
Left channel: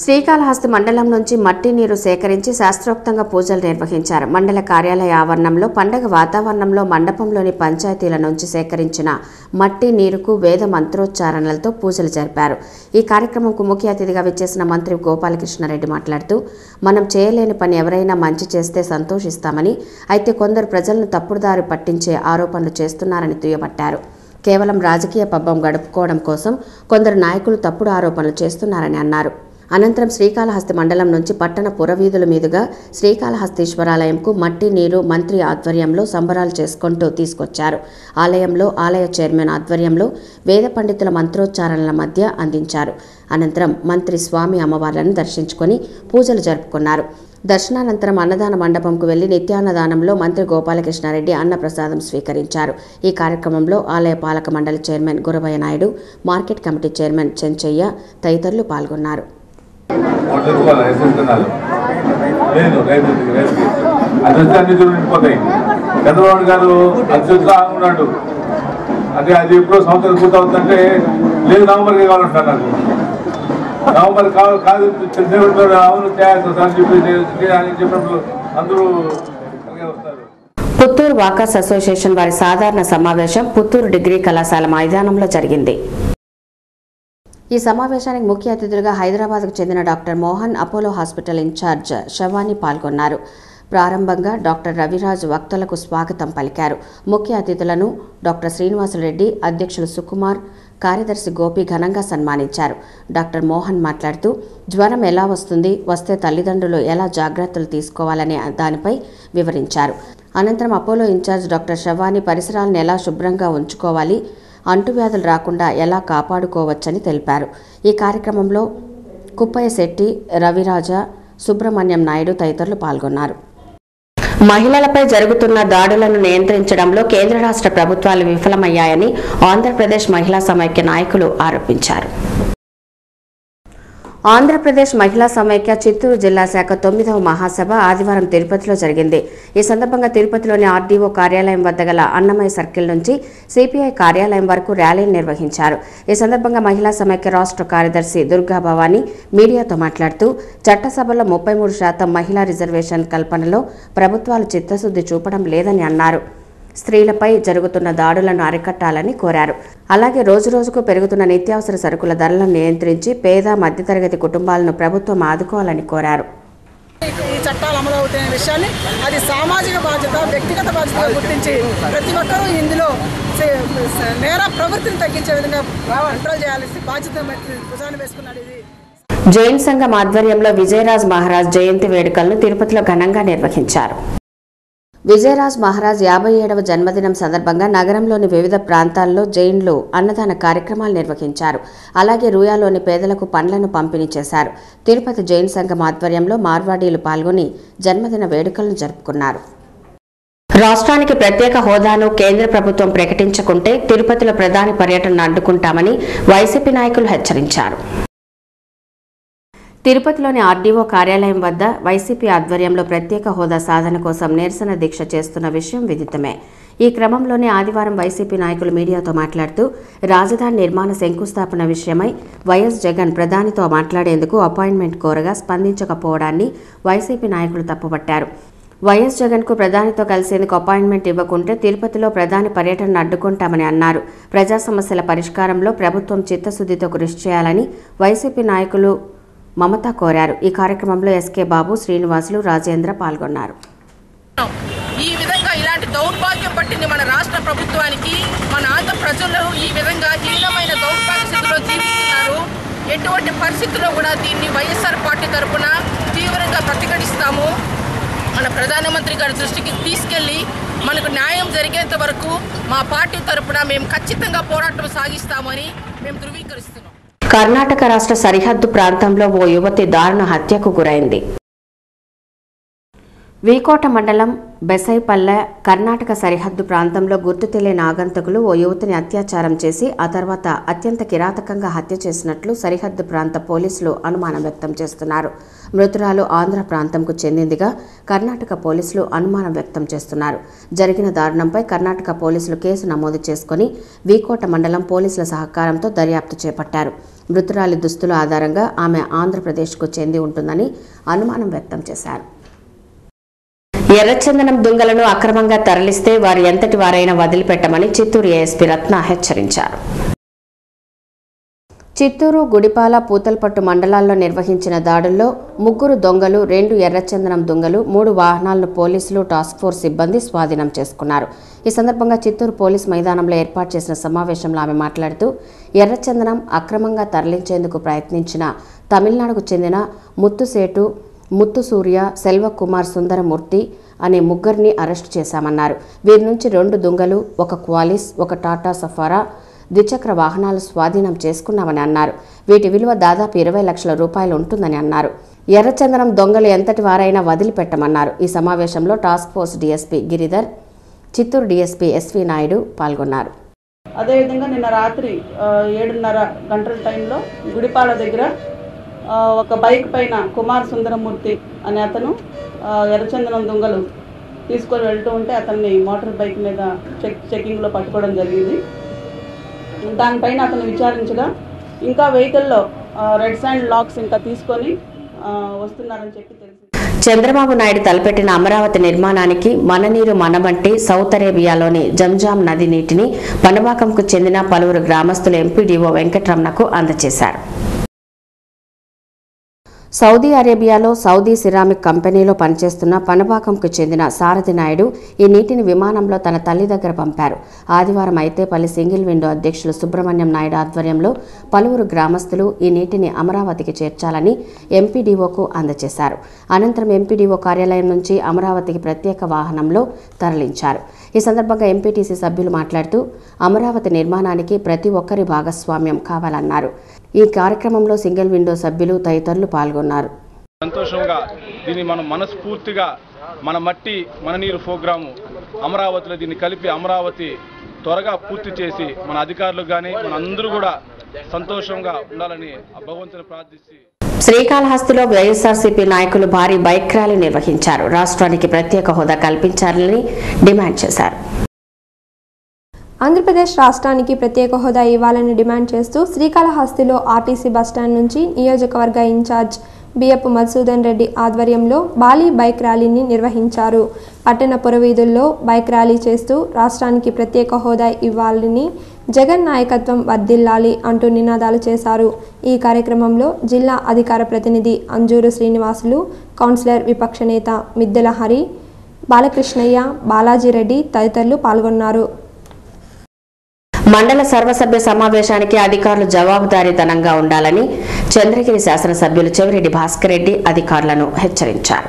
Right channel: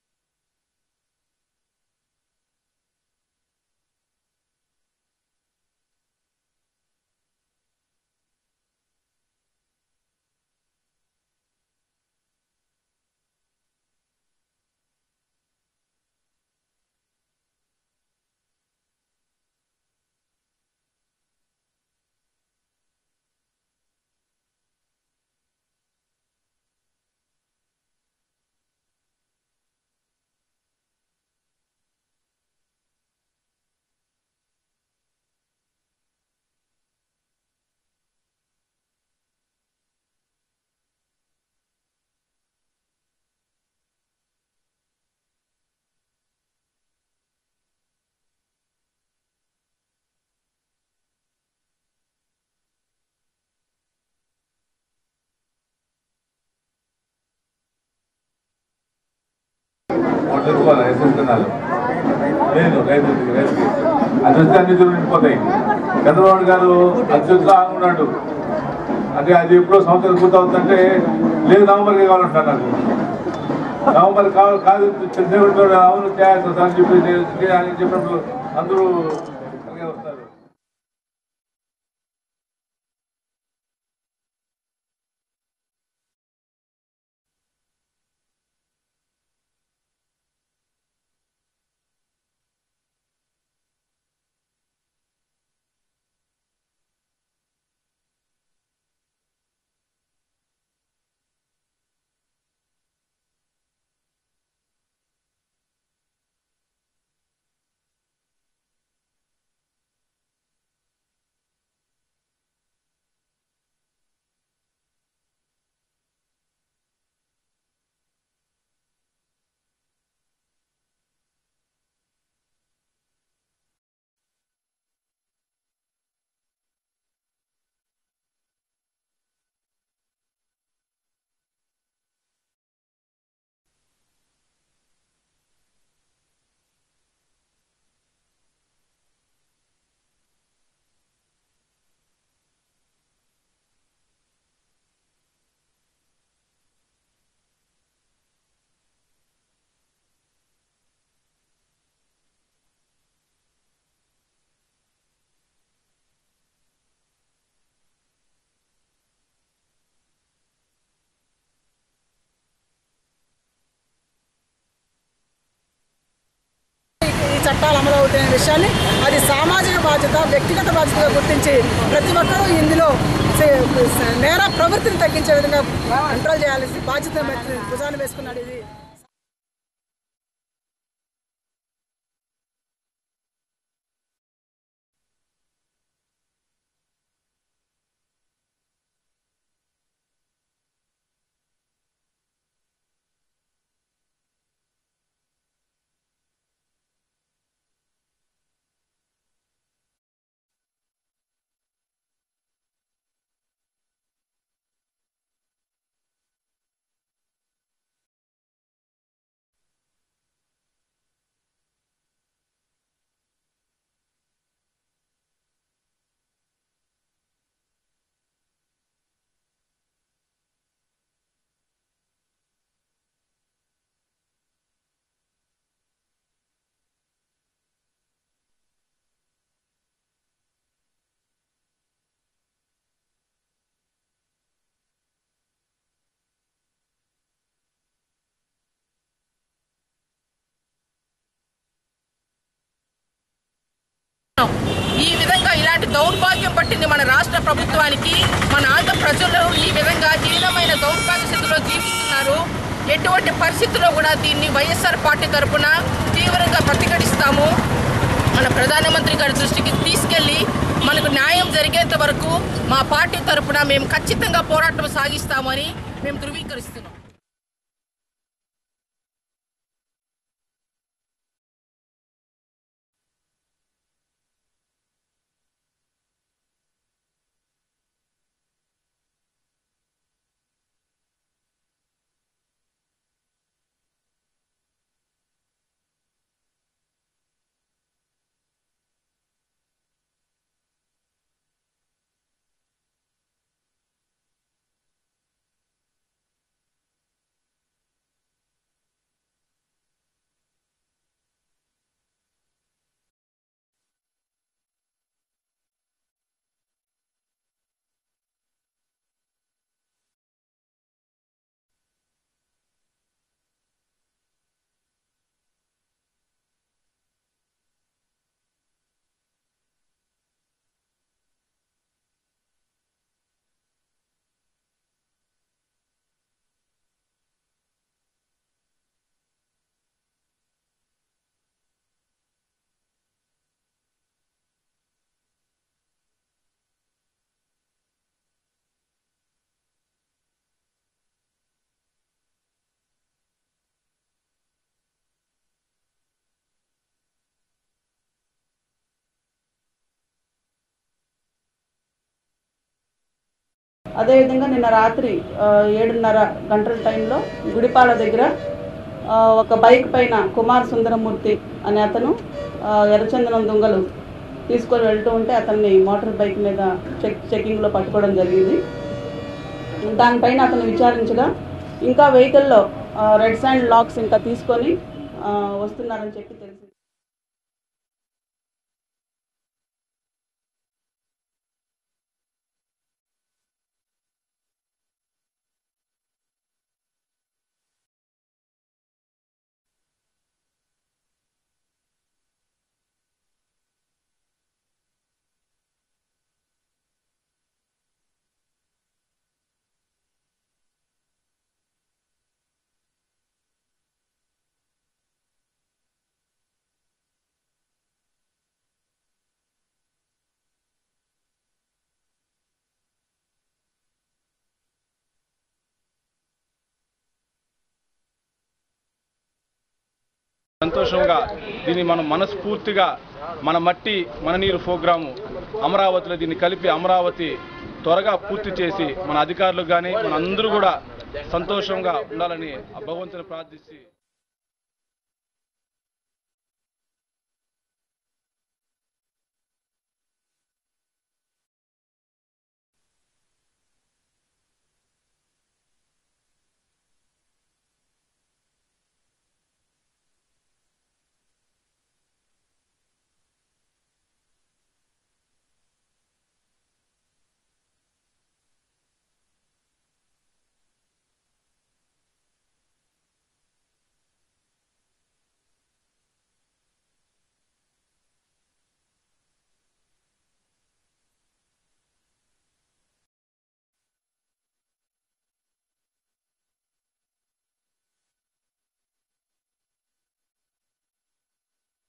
శ్రీకాళహస్తి మండలం నుంచి మట్టి నీరు సేకరించి శాస్త్రోక్తంగా పూజలు నిర్వహించారు. మండల కార్యాలయ ఆవరణంలో పండగ వాతావరణంలో మండపంలోని పంచాయతీల నుంచి సేకరించిన మట్టి నీరుకు వేద మంత్రోచ్చారణలతో పూజలు జరిపారు. ఈ కార్యక్రమంకు ముఖ్య అతిథిగా విచ్చేసిన మంత్రి గోపాలకృష్ణారెడ్డి మాట్లాడుతూ, మనం చేయలేని పని ఎవరైనా మంచి చేస్తే సంతోషిస్తామని, అయితే కొందరు ప్రజలను తప్పుడుదారి పట్టించే ఆరోపణలు చేస్తున్నారని దుయ్యబట్టారు. కేవలం రాజకీయ పబ్బం గడుపుకోవడం కోసం కొందరు నాయకులు తప్పుడు ఆరోపణలు చేస్తున్నారని అన్నారు. అనంతరం శ్రీకాళహస్తి మండలం నుంచి పట్టణ పురవీధుల మీదుగా శ్రీకాళహస్తీశ్వరాలయంకు మట్టి నీరు మంత్రి ఆధ్వర్యంలో సంబరాలు చేసుకుంటూ తీసుకొచ్చారు. ఆలయంలో ఆలయ చైర్మన్ ఆధ్వర్యంలో వేద పండితుల మంత్రోచ్చారణల మధ్య అందించారు. అనంతరం మంత్రి స్వామి అమ్మవార్లను దర్శించుకొని పూజలు జరుపుకున్నారు. దర్శనానంతరం అన్నదాన మండపంకు వెళ్లి నిత్యాన్నదానంలో మంత్రి గోపాలకృష్ణారెడ్డి అన్నప్రసాదం స్వీకరించారు. ఈ కార్యక్రమంలో ఆలయ పాలక మండలి chairman Guravayya Naidu, market committee chairman Chenchayya తదితరులు పాల్గొన్నారు. నవంబర్ కాదు అవును చెప్పినప్పుడు అందరూ వస్తారు. పుత్తూరు వాకర్స్ అసోసియేషన్ వారి సాధారణ సమావేశం పుత్తూరు డిగ్రీ కళాశాల మైదానంలో జరిగింది. ఈ సమావేశానికి ముఖ్య అతిథులుగా హైదరాబాద్కు చెందిన doctor Mohan, Apollo hospital in-charge శవాని పాల్గొన్నారు. ప్రారంభంగా డాక్టర్ రవిరాజ్ వక్తలకు స్వాగతం పలికారు. ముఖ్య అతిథులను డాక్టర్ శ్రీనివాసరెడ్డి, అధ్యక్షులు సుకుమార్, కార్యదర్శి గోపి ఘనంగా సన్మానించారు. డాక్టర్ మోహన్ మాట్లాడుతూ జ్వరం ఎలా వస్తుంది, వస్తే తల్లిదండ్రులు ఎలా జాగ్రత్తలు తీసుకోవాలనే దానిపై వివరించారు. అనంతరం అపోలో ఇన్ఛార్జ్ డాక్టర్ శవాని పరిసరాలను ఎలా శుభ్రంగా ఉంచుకోవాలి, అంటువ్యాధులు రాకుండా ఎలా కాపాడుకోవచ్చని తెలిపారు. ఈ కార్యక్రమంలో కుప్పయ్య శెట్టి, రవిరాజ, సుబ్రహ్మణ్యం నాయుడు తదితరులు పాల్గొన్నారు. మహిళలపై జరుగుతున్న దాడులను నియంత్రించడంలో కేంద్ర రాష్ట్ర ప్రభుత్వాలు విఫలమయ్యాయని ఆంధ్రప్రదేశ్ మహిళా సమైక్య నాయకులు ఆరోపించారు. ఆంధ్రప్రదేశ్ మహిళా సమైక్య చిత్తూరు జిల్లా శాఖ 9వ మహాసభ ఆదివారం తిరుపతిలో జరిగింది. ఈ సందర్భంగా తిరుపతిలోని ఆర్డీఓ కార్యాలయం వద్ద గల అన్నమయ్య సర్కిల్ నుంచి సిపిఐ కార్యాలయం వరకు ర్యాలీని నిర్వహించారు. ఈ సందర్భంగా మహిళా సమైక్య రాష్ట్ర కార్యదర్శి దుర్గా భవానీ మీడియాతో మాట్లాడుతూ చట్టసభలో 33% మహిళా రిజర్వేషన్ కల్పనలో ప్రభుత్వాలు చిత్తశుద్ధి చూపడం లేదని అన్నారు. స్త్రీలపై జరుగుతున్న దాడులను అరికట్టాలని కోరారు. అలాగే రోజురోజుకు పెరుగుతున్న నిత్యావసర సరుకుల ధరలను నియంత్రించి పేద మధ్యతరగతి కుటుంబాలను ప్రభుత్వం ఆదుకోవాలని కోరారు. ఈ చట్టాలు అమలు అవుతున్న విషయాన్ని అది సామాజిక బాధ్యత, వ్యక్తిగత బాధ్యతగా గుర్తించి ప్రతి ఒక్కరూ ఇందులో నేర ప్రవృత్తిని తగ్గించే విధంగా కంట్రోల్ చేయాల్సి బాధ్యత భుజాన్ని వేసుకున్నాడు. ఇది జైన్ సంఘం ఆధ్వర్యంలో విజయరాజ్ మహారాజ్ జయంతి వేడుకలను తిరుపతిలో ఘనంగా నిర్వహించారు. విజయరాజ్ మహారాజ్ 57వ జన్మదినం సందర్భంగా నగరంలోని వివిధ ప్రాంతాల్లో జైన్లు అన్నదాన కార్యక్రమాలు నిర్వహించారు. అలాగే రూయాలోని పేదలకు పండ్లను పంపిణీ చేశారు. తిరుపతి జైన్ సంఘం ఆధ్వర్యంలో మార్వాడీలు పాల్గొని జన్మదిన వేడుకలను జరుపుకున్నారు. రాష్ట్రానికి ప్రత్యేక హోదాను కేంద్ర ప్రభుత్వం ప్రకటించకుంటే తిరుపతిలో ప్రధాని పర్యటనను అడ్డుకుంటామని వైసీపీ నాయకులు హెచ్చరించారు. తిరుపతిలోని ఆర్డీఓ కార్యాలయం వద్ద వైసీపీ ఆధ్వర్యంలో ప్రత్యేక హోదా సాధన కోసం నిరసన దీక్ష చేస్తున్న విషయం విదితమే. ఈ క్రమంలోనే ఆదివారం వైసీపీ నాయకులు మీడియాతో మాట్లాడుతూ రాజధాని నిర్మాణ శంకుస్థాపన విషయమై వైఎస్ జగన్ ప్రధానితో మాట్లాడేందుకు అపాయింట్మెంట్ కోరగా స్పందించకపోవడాన్ని వైసీపీ నాయకులు తప్పుపట్టారు. వైఎస్ జగన్కు ప్రధానితో కలిసేందుకు అపాయింట్మెంట్ ఇవ్వకుంటే తిరుపతిలో ప్రధాని పర్యటనను అడ్డుకుంటామని అన్నారు. ప్రజా సమస్యల పరిష్కారంలో ప్రభుత్వం చిత్తశుద్ధితో కృషి చేయాలని వైసీపీ నాయకులు మమత కోరారు. ఈ కార్యక్రమంలో ఎస్కే బాబు, శ్రీనివాసులు, రాజేంద్ర పాల్గొన్నారు. ఈ విధంగా ఇలాంటి దౌర్భాగ్యం పట్టింది మన రాష్ట్ర ప్రభుత్వానికి. మన ఆంధ్ర ప్రజలు ఈ విధంగా హీనమైన దౌర్భాగ్య స్థితిలో జీవిస్తున్నారు. ఎటువంటి పరిస్థితుల్లో కూడా దీన్ని వైఎస్ఆర్ పార్టీ తరఫున తీవ్రంగా ప్రతిఘటిస్తాము. మన ప్రధానమంత్రి గారి దృష్టికి తీసుకెళ్లి మనకు న్యాయం జరిగేంత వరకు మా పార్టీ తరఫున మేము ఖచ్చితంగా పోరాటం సాగిస్తామని మేము ధృవీకరిస్తున్నాం. కర్ణాటక రాష్ట్ర సరిహద్దు ప్రాంతంలో ఓ యువతి దారుణ హత్యకు గురైంది. వీకోట మండలం బెసైపల్లె కర్ణాటక సరిహద్దు ప్రాంతంలో గుర్తు తెలియని ఆగంతకులు ఓ యువతిని అత్యాచారం చేసి ఆ తర్వాత అత్యంత కిరాతకంగా హత్య చేసినట్లు సరిహద్దు ప్రాంత పోలీసులు అనుమానం వ్యక్తం చేస్తున్నారు. మృతురాలు ఆంధ్ర ప్రాంతంకు చెందిందిగా కర్ణాటక పోలీసులు అనుమానం వ్యక్తం చేస్తున్నారు. జరిగిన దారుణంపై కర్ణాటక పోలీసులు కేసు నమోదు చేసుకుని వీకోట మండలం పోలీసుల సహకారంతో దర్యాప్తు చేపట్టారు. మృతురాలి దుస్తుల ఆధారంగా ఆమె ఆంధ్రప్రదేశ్కు చెంది ఉంటుందని అనుమానం వ్యక్తం చేశారు. ఎర్రచందనం దుంగలను అక్రమంగా తరలిస్తే వారు ఎంతటి వారైనా వదిలిపెట్టమని చిత్తూరు ఏఎస్పీ రత్న హెచ్చరించారు. చిత్తూరు, గుడిపాల, పూతలపట్టు మండలాల్లో నిర్వహించిన దాడుల్లో 3 దొంగలు, 2 ఎర్రచందనం దొంగలు, 3 వాహనాలను పోలీసులు, టాస్క్ ఫోర్స్ సిబ్బంది స్వాధీనం చేసుకున్నారు. ఈ సందర్భంగా చిత్తూరు పోలీస్ మైదానంలో ఏర్పాటు చేసిన సమావేశంలో ఆమె మాట్లాడుతూ ఎర్రచందనం అక్రమంగా తరలించేందుకు ప్రయత్నించిన తమిళనాడుకు చెందిన ముత్తుసేటు, ముత్తుసూర్య, సెల్వకుమార్ సుందరమూర్తి అనే ముగ్గురిని అరెస్టు చేశామన్నారు. వీరి నుంచి 2 దుంగలు, 1 క్వాలిస్, 1 టాటా సఫారా ద్విచక్ర వాహనాలు స్వాధీనం చేసుకున్నామని అన్నారు. వీటి విలువ దాదాపు 20 లక్షల రూపాయలు ఉంటుందని అన్నారు. ఎర్రచందనం దొంగలు ఎంతటి వారైనా వదిలిపెట్టమన్నారు. ఈ సమావేశంలో task force DSP Giridhar, Chittoor DSP SV Naidu పాల్గొన్నారు. అదేవిధంగా నిన్న రాత్రి 7:30 గంటల టైంలో గుడిపాల దగ్గర ఒక బైక్ పైన కుమార్ సుందరమూర్తి అనే అతను ఎర్రచందనం దొంగలు తీసుకొని వెళ్తూ ఉంటే అతన్ని మోటార్ బైక్ మీద చెకింగ్లో పట్టుకోవడం జరిగింది. దానిపైన అతను విచారించగా ఇంకా వెహికల్లో రెడ్ శాండ్ లాక్స్ ఇంకా తీసుకొని వస్తున్నారని చెప్పి తెలిసింది. చంద్రబాబు నాయుడు తలపెట్టిన అమరావతి నిర్మాణానికి మననీరు మనమంటి సౌత్ అరేబియాలోని జంజాం నది నీటిని పనబాకంకు చెందిన పలువురు గ్రామస్తులు ఎంపీడీఓ వెంకటరమణకు అందజేశారు. సౌదీ అరేబియాలో సౌదీ సిరామిక్ కంపెనీలో పనిచేస్తున్న పనబాకంకు చెందిన సారథి నాయుడు ఈ నీటిని విమానంలో తన తల్లి దగ్గర పంపారు. ఆదివారం అయితేపల్లి సింగిల్ విండో అధ్యక్షులు సుబ్రహ్మణ్యం నాయుడు ఆధ్వర్యంలో పలువురు గ్రామస్తులు ఈ నీటిని అమరావతికి చేర్చాలని ఎంపీడీఓకు అందజేశారు. అనంతరం ఎంపీడీఓ కార్యాలయం నుంచి అమరావతికి ప్రత్యేక వాహనంలో తరలించారు. ఈ సందర్భంగా ఎంపీటీసీ సభ్యులు మాట్లాడుతూ అమరావతి నిర్మాణానికి ప్రతి ఒక్కరి భాగస్వామ్యం కావాలన్నారు. ఈ కార్యక్రమంలో సింగిల్ విండో సభ్యులు తదితరులు పాల్గొన్నారు. సంతోషంగా దీన్ని మనం మనస్ఫూర్తిగా మన మట్టి మన నీరు ప్రోగ్రాము అమరావతిలో దీన్ని కలిపి అమరావతి త్వరగా పూర్తి చేసి మన అధికారులు కానీ మన అందరూ కూడా సంతోషంగా ఉండాలని భగవంతుని ప్రార్థించి శ్రీకాళహస్తిలో వైఎస్ఆర్సీపీ నాయకులు భారీ బైక్ ర్యాలీ నిర్వహించారు. రాష్ట్రానికి ప్రత్యేక హోదా కల్పించాలని డిమాండ్ చేశారు. ఆంధ్రప్రదేశ్ రాష్ట్రానికి ప్రత్యేక హోదా ఇవ్వాలని డిమాండ్ చేస్తూ శ్రీకాళహస్తిలో ఆర్టీసీ బస్టాండ్ నుంచి నియోజకవర్గ ఇన్ఛార్జ్ బియ్యపు మధుసూదన్ రెడ్డి ఆధ్వర్యంలో భారీ బైక్ ర్యాలీని నిర్వహించారు. పట్టణ పురవీధుల్లో బైక్ ర్యాలీ చేస్తూ రాష్ట్రానికి ప్రత్యేక హోదా ఇవ్వాలని, జగన్ నాయకత్వం వర్ధిల్లాలి అంటూ నినాదాలు చేశారు. ఈ కార్యక్రమంలో జిల్లా అధికార ప్రతినిధి అంజూరు శ్రీనివాసులు, కౌన్సిలర్ విపక్ష నేత మిద్దెల హరి, బాలకృష్ణయ్య, బాలాజీరెడ్డి తదితరులు పాల్గొన్నారు. మండల సర్వసభ్య సమావేశానికి అధికారులు జవాబుదారీతనంగా ఉండాలని చంద్రగిరి శాసనసభ్యులు చెవిరెడ్డి భాస్కర్ రెడ్డి అధికారులను హెచ్చరించారు.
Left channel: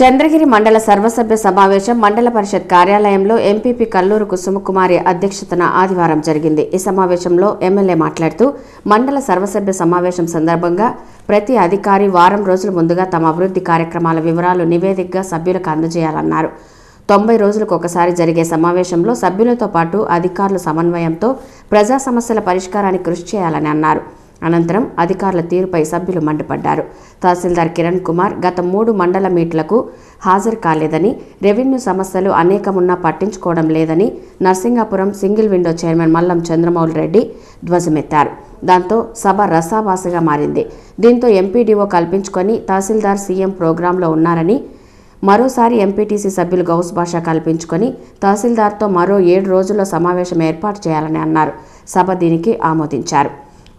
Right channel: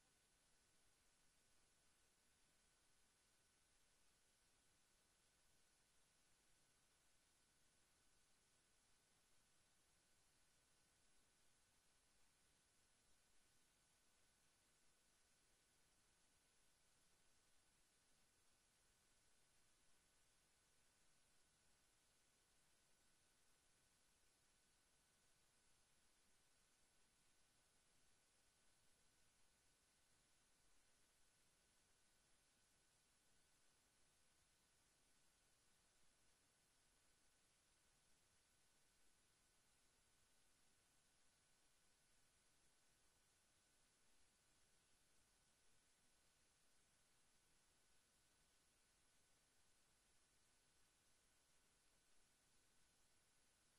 చంద్రగిరి మండల సర్వసభ్య సమావేశం మండల పరిషత్ కార్యాలయంలో ఎంపీపీ కల్లూరు కుసుమకుమారి అధ్యక్షతన ఆదివారం జరిగింది. ఈ సమావేశంలో ఎమ్మెల్యే మాట్లాడుతూ మండల సర్వసభ్య సమావేశం సందర్భంగా ప్రతి అధికారి వారం రోజుల ముందుగా తమ అభివృద్ధి కార్యక్రమాల వివరాలు నివేదికగా సభ్యులకు అందజేయాలన్నారు. 90 రోజులకు ఒకసారి జరిగే సమావేశంలో సభ్యులతో పాటు అధికారుల సమన్వయంతో ప్రజా సమస్యల పరిష్కారానికి కృషి చేయాలని అన్నారు. అనంతరం అధికారుల తీరుపై సభ్యులు మండిపడ్డారు. తహసీల్దార్ కిరణ్ కుమార్ గత 3 మండల మీట్లకు హాజరు కాలేదని, రెవెన్యూ సమస్యలు అనేకమున్నా పట్టించుకోవడం లేదని Narsingapuram single window chairman Mallam Chandramouli Reddy ధ్వజమెత్తారు. దాంతో సభ రసాభాసగా మారింది. దీంతో ఎంపీడీఓ కల్పించుకొని తహసీల్దార్ సీఎం ప్రోగ్రాంలో ఉన్నారని, మరోసారి ఎంపీటీసీ సభ్యులు గౌస్ భాష కల్పించుకొని తహసీల్దార్తో మరో 7 రోజుల్లో సమావేశం ఏర్పాటు చేయాలని అన్నారు. సభ దీనికి ఆమోదించారు.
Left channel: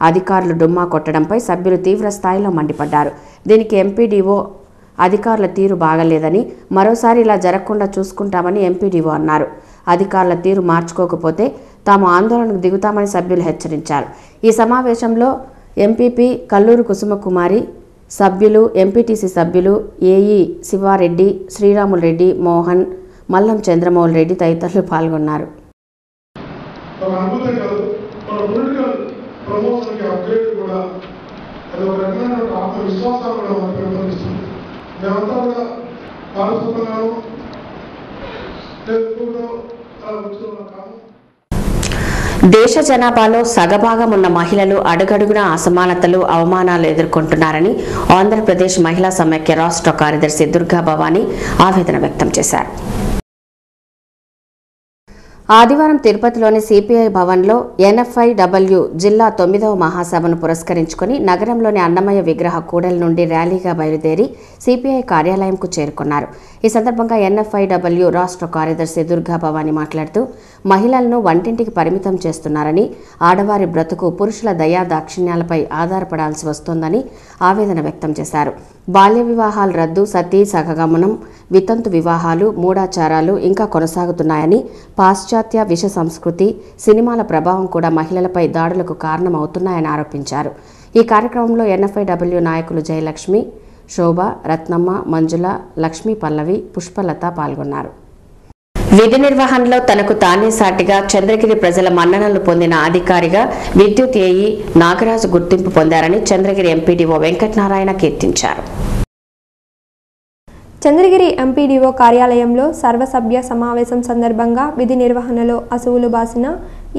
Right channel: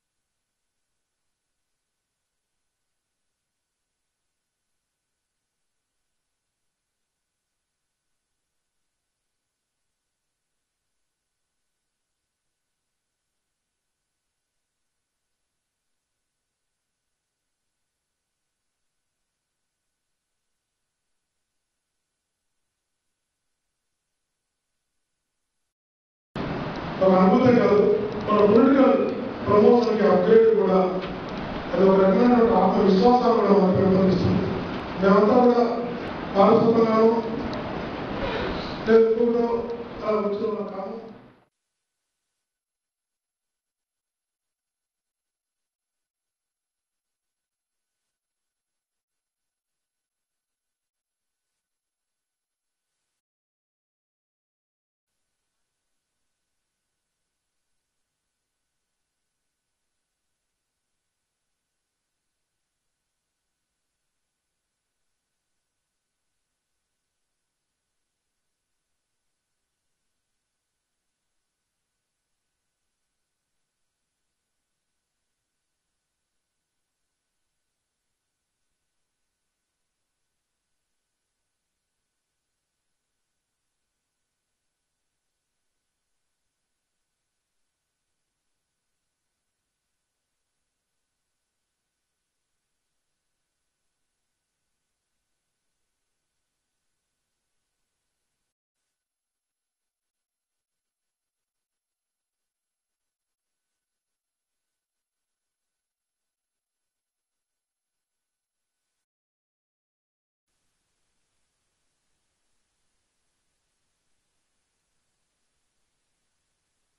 అధికారులు డుమ్మా కొట్టడంపై సభ్యులు తీవ్ర స్థాయిలో మండిపడ్డారు. దీనికి ఎంపీడీఓ అధికారుల తీరు బాగలేదని, మరోసారి ఇలా జరగకుండా చూసుకుంటామని ఎంపీడీఓ అన్నారు. అధికారుల తీరు మార్చుకోకపోతే తాము ఆందోళనకు దిగుతామని సభ్యులు హెచ్చరించారు. ఈ సమావేశంలో ఎంపీపీ కల్లూరు కుసుమకుమారి, సభ్యులు, ఎంపీటీసీ సభ్యులు ఏఈ శివారెడ్డి, శ్రీరాములు రెడ్డి, మోహన్, మల్లం చంద్రమౌళి రెడ్డి తదితరులు పాల్గొన్నారు. దేశ జనాభాలో సగభాగం ఉన్న మహిళలు అడుగడుగునా అసమానతలు, అవమానాలు ఎదుర్కొంటున్నారని ఆంధ్రప్రదేశ్ మహిళా సమైక్య రాష్ట్ర కార్యదర్శి దుర్గా భవానీ ఆవేదన వ్యక్తం చేశారు. ఆదివారం తిరుపతిలోని సిపిఐ భవన్లో ఎన్ఎఫ్ఐడబ్ల్యూ జిల్లా 9వ మహాసభను పురస్కరించుకుని నగరంలోని అన్నమయ్య విగ్రహ కూడలి నుండి ర్యాలీగా బయలుదేరి సిపిఐ కార్యాలయంకు చేరుకున్నారు. ఈ సందర్భంగా ఎన్ఎఫ్ఐడబ్ల్యూ రాష్ట్ర కార్యదర్శి దుర్గా భవానీ మాట్లాడుతూ మహిళలను వంటింటికి పరిమితం చేస్తున్నారని, ఆడవారి బ్రతుకు పురుషుల దయా దాక్షిణ్యాలపై ఆధారపడాల్సి వస్తోందని ఆవేదన వ్యక్తం చేశారు. బాల్య వివాహాల రద్దు, సతీ సహగమనం, వితంతు వివాహాలు, మూఢాచారాలు ఇంకా కొనసాగుతున్నాయని, పాశ్చాత్య విష సంస్కృతి, సినిమాల ప్రభావం కూడా మహిళలపై దాడులకు కారణమవుతున్నాయని ఆరోపించారు. ఈ కార్యక్రమంలో ఎన్ఎఫ్ఐడబ్ల్యూ నాయకులు జయలక్ష్మి, శోభ, రత్నమ్మ, మంజుల, లక్ష్మీ పల్లవి, పుష్పలత పాల్గొన్నారు. విధి నిర్వహణలో తనకు తానే సాటిగా చంద్రగిరి ప్రజల మన్ననలు పొందిన అధికారిగా విద్యుత్ ఏఈ నాగరాజు గుర్తింపు పొందారని చంద్రగిరి ఎంపీడీఓ వెంకటనారాయణ కీర్తించారు. చంద్రగిరి ఎంపీడీఓ కార్యాలయంలో సర్వసభ్య సమావేశం సందర్భంగా విధి నిర్వహణలో అసువులు బాసిన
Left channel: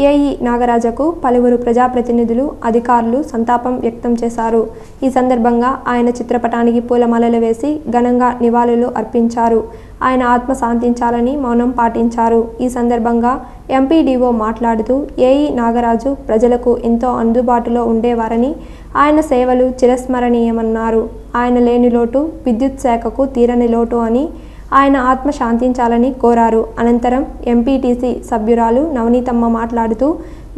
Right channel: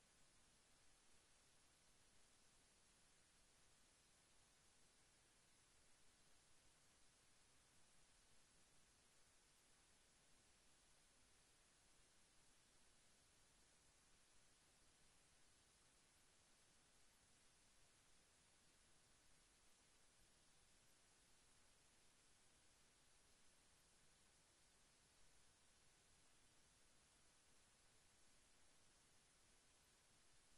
ఏఈ నాగరాజకు పలువురు ప్రజాప్రతినిధులు, అధికారులు సంతాపం వ్యక్తం చేశారు. ఈ సందర్భంగా ఆయన చిత్రపటానికి పూలమాలలు వేసి ఘనంగా నివాళులు అర్పించారు. ఆయన ఆత్మ శాంతించాలని మౌనం పాటించారు. ఈ సందర్భంగా ఎంపీడీఓ మాట్లాడుతూ ఏఈ నాగరాజు ప్రజలకు ఎంతో అందుబాటులో ఉండేవారని, ఆయన సేవలు చిరస్మరణీయమన్నారు. ఆయన లేని లోటు విద్యుత్ శాఖకు తీరని లోటు అని, ఆయన ఆత్మ శాంతించాలని కోరారు. అనంతరం ఎంపీటీసీ సభ్యురాలు నవనీతమ్మ మాట్లాడుతూ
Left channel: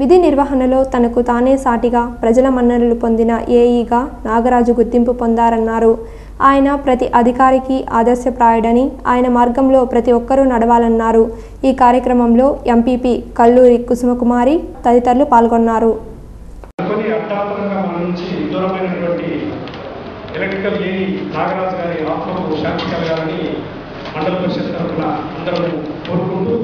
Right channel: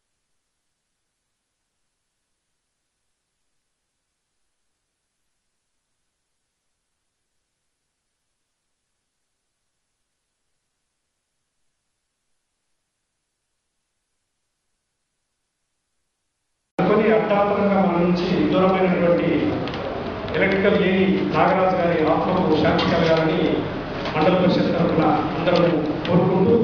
విధి నిర్వహణలో తనకు తానే సాటిగా ప్రజల మన్ననలు పొందిన ఏఈగా నాగరాజు గుర్తింపు పొందారన్నారు. ఆయన ప్రతి అధికారికి ఆదర్శప్రాయుడని, ఆయన మార్గంలో ప్రతి ఒక్కరూ నడవాలన్నారు. ఈ కార్యక్రమంలో ఎంపీపీ కల్లూరి కుసుమకుమారి తదితరులు పాల్గొన్నారు. ఎలక్ట్రికల్ ఏఈ నాగరాజు గారి ఆత్మకు శాంతి కలగాలని మండల పరిషత్ తరఫున అందరూ కోరుకుంటూ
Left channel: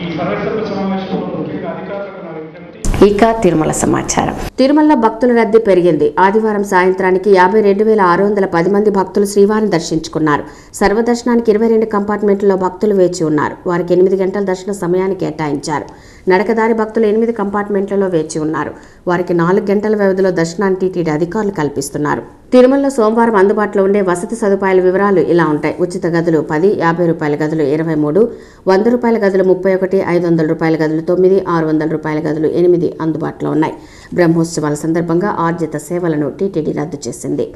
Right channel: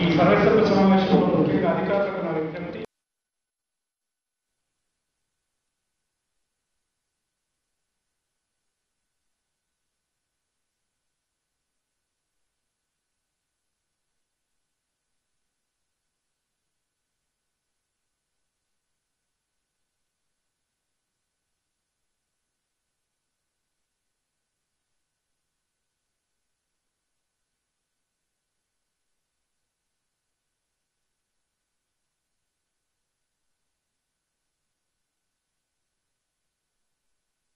ఈ సర్వసభ్య సమావేశంలో ముఖ్యంగా అధికారులకు నా విజ్ఞప్తి. ఇక తిరుమల సమాచారం. తిరుమలలో భక్తుల రద్దీ పెరిగింది. ఆదివారం సాయంత్రానికి 52,610 మంది భక్తులు శ్రీవారిని దర్శించుకున్నారు. సర్వదర్శనానికి 22 కంపార్ట్మెంట్లలో భక్తులు వేచి ఉన్నారు. వారికి 8 గంటల దర్శన సమయాన్ని కేటాయించారు. నడకదారి భక్తులు 8 కంపార్ట్మెంట్లలో వేచి ఉన్నారు. వారికి 4 గంటల వ్యవధిలో దర్శనాన్ని టీటీడీ అధికారులు కల్పిస్తున్నారు. తిరుమలలో సోమవారం అందుబాటులో ఉండే వసతి సదుపాయాల వివరాలు ఇలా ఉంటాయి. ఉచిత గదులు 10, ₹50 గదులు 23, ₹100 గదులు 31, ₹500 గదులు 9, ₹600 గదులు 8 అందుబాటులో ఉన్నాయి. బ్రహ్మోత్సవాల సందర్భంగా ఆర్జిత సేవలను టీటీడీ రద్దు చేసింది.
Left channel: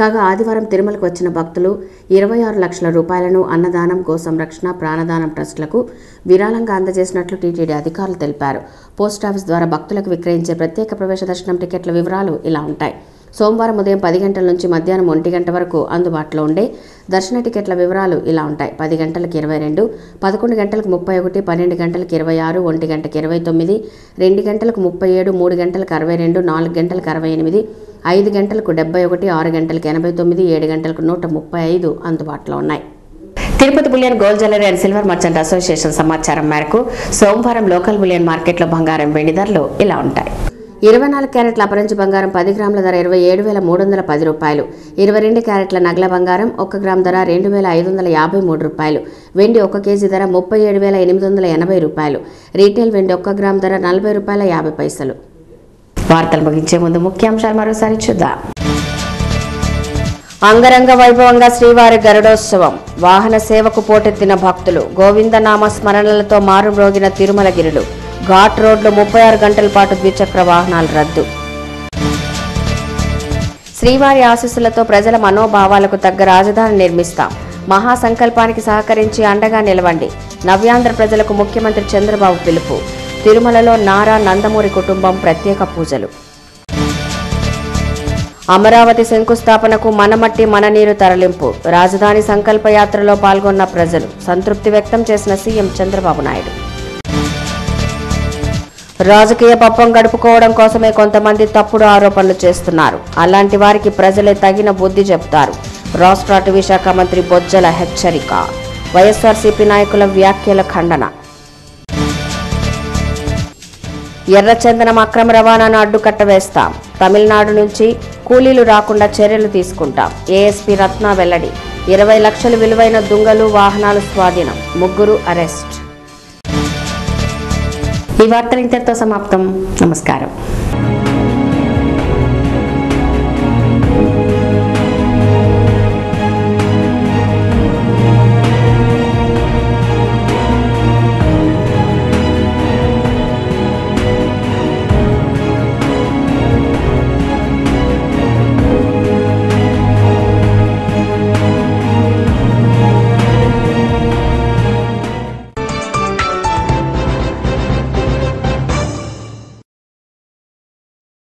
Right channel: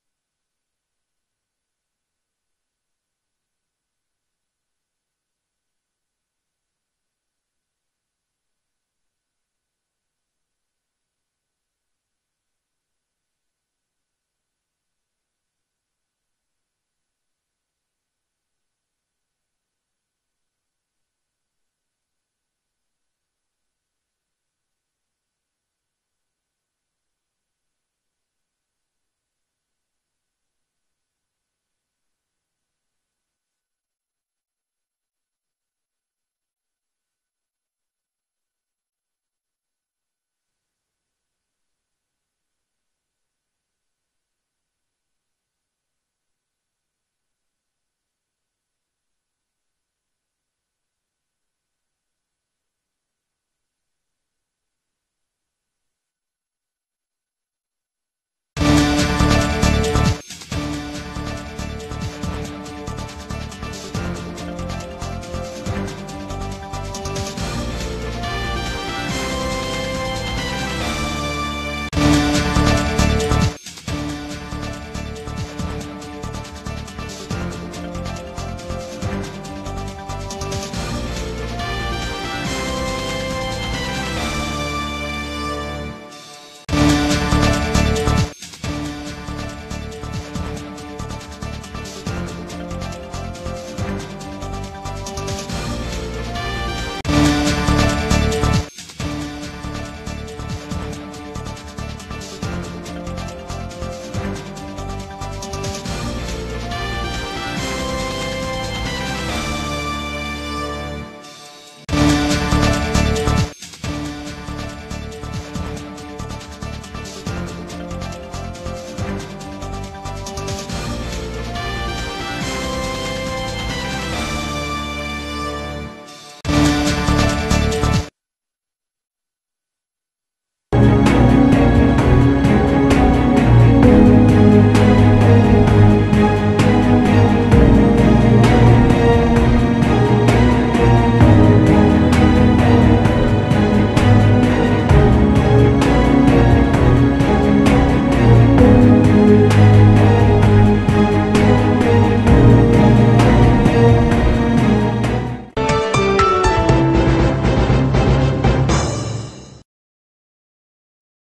కాగా ఆదివారం తిరుమలకు వచ్చిన భక్తులు 26 లక్షల రూపాయలను అన్నదానం, గో సంరక్షణ, ప్రాణదానం ట్రస్టులకు విరాళంగా అందజేసినట్లు టీటీడీ అధికారులు తెలిపారు. పోస్టాఫీస్ ద్వారా భక్తులకు విక్రయించే ప్రత్యేక ప్రవేశ దర్శనం టికెట్ల వివరాలు ఇలా ఉంటాయి. సోమవారం ఉదయం 10 గంటల నుంచి మధ్యాహ్నం 1 గంట వరకు అందుబాటులో ఉండే దర్శన టికెట్ల వివరాలు ఇలా ఉంటాయి. 10 గంటలకు 22, 11 గంటలకు 31, 12 గంటలకు 26, 1 గంటకు 29, 2 గంటలకు 37, 3 గంటలకు 62, 4 గంటలకు 68, 5 గంటలకు 71, 6 గంటలకు 89, 7 గంటలకు 135 అందుబాటులో ఉన్నాయి. Tirupati bullion gold jewellery and silver merchant association సమాచారం మేరకు సోమవారం లోకల్ బులియన్ మార్కెట్లో బంగారం, వెండి ధరలు ఇలా ఉంటాయి. 24 క్యారెట్ల అపరంజి బంగారం 10 గ్రాముల ధర ₹27,310. 22 క్యారెట్ల నగల బంగారం 1 గ్రామ్ ధర ₹2,553. వెండి 1 కేజీ ధర ₹37,880. రీటైల్ వెండి 1 గ్రామ్ ధర ₹40.50. వార్తలు ముగించే ముందు ముఖ్యాంశాలు మరోసారి చూద్దాం. అంగరంగ వైభవంగా శ్రీవారి గరుడోత్సవం. వాహన సేవకు పోటెత్తిన భక్తులు. గోవిందనామ స్మరణలతో మారుమ్రోగిన తిరుమలగిరులు. ఘాట్ రోడ్లు 36 గంటల పాటు ద్విచక్ర వాహనాలు రద్దు. శ్రీవారి ఆశీస్సులతో ప్రజల మనోభావాలకు తగ్గ రాజధాని నిర్మిస్తాం. మహాసంకల్పానికి సహకరించి అండగా నిలవండి. నవ్యాంధ్ర ప్రజలకు ముఖ్యమంత్రి చంద్రబాబు పిలుపు. తిరుమలలో నారా నందమూరి కుటుంబం ప్రత్యేక పూజలు. అమరావతి శంకుస్థాపనకు మనమట్టి మననీరు తరలింపు. రాజధాని సంకల్ప యాత్రలో పాల్గొన్న ప్రజలు. సంతృప్తి వ్యక్తం చేసిన సీఎం చంద్రబాబు నాయుడు. రాజకీయ పప్పం గడుపుకోవడం కోసమే కొంతమంది తప్పుడు ఆరోపణలు చేస్తున్నారు. అలాంటి వారికి ప్రజలే తగిన బుద్ధి చెప్తారు. రాష్ట్ర అటవీ శాఖ మంత్రి బొజ్జల హెచ్చరిక. వైఎస్ఆర్సీపీ నాయకుల వ్యాఖ్యల ఖండన. ఎర్రచందనం అక్రమ రవాణాను అడ్డుకట్ట వేస్తాం. తమిళనాడు నుంచి కూలీలు రాకుండా చర్యలు తీసుకుంటాం. ఏఎస్పీ రత్న వెల్లడి. 20 లక్షలు విలువైన దుంగలు, వాహనాలు స్వాధీనం. 3 అరెస్ట్. ఈ వార్తలు ఇంతటితో సమాప్తం. నమస్కారం.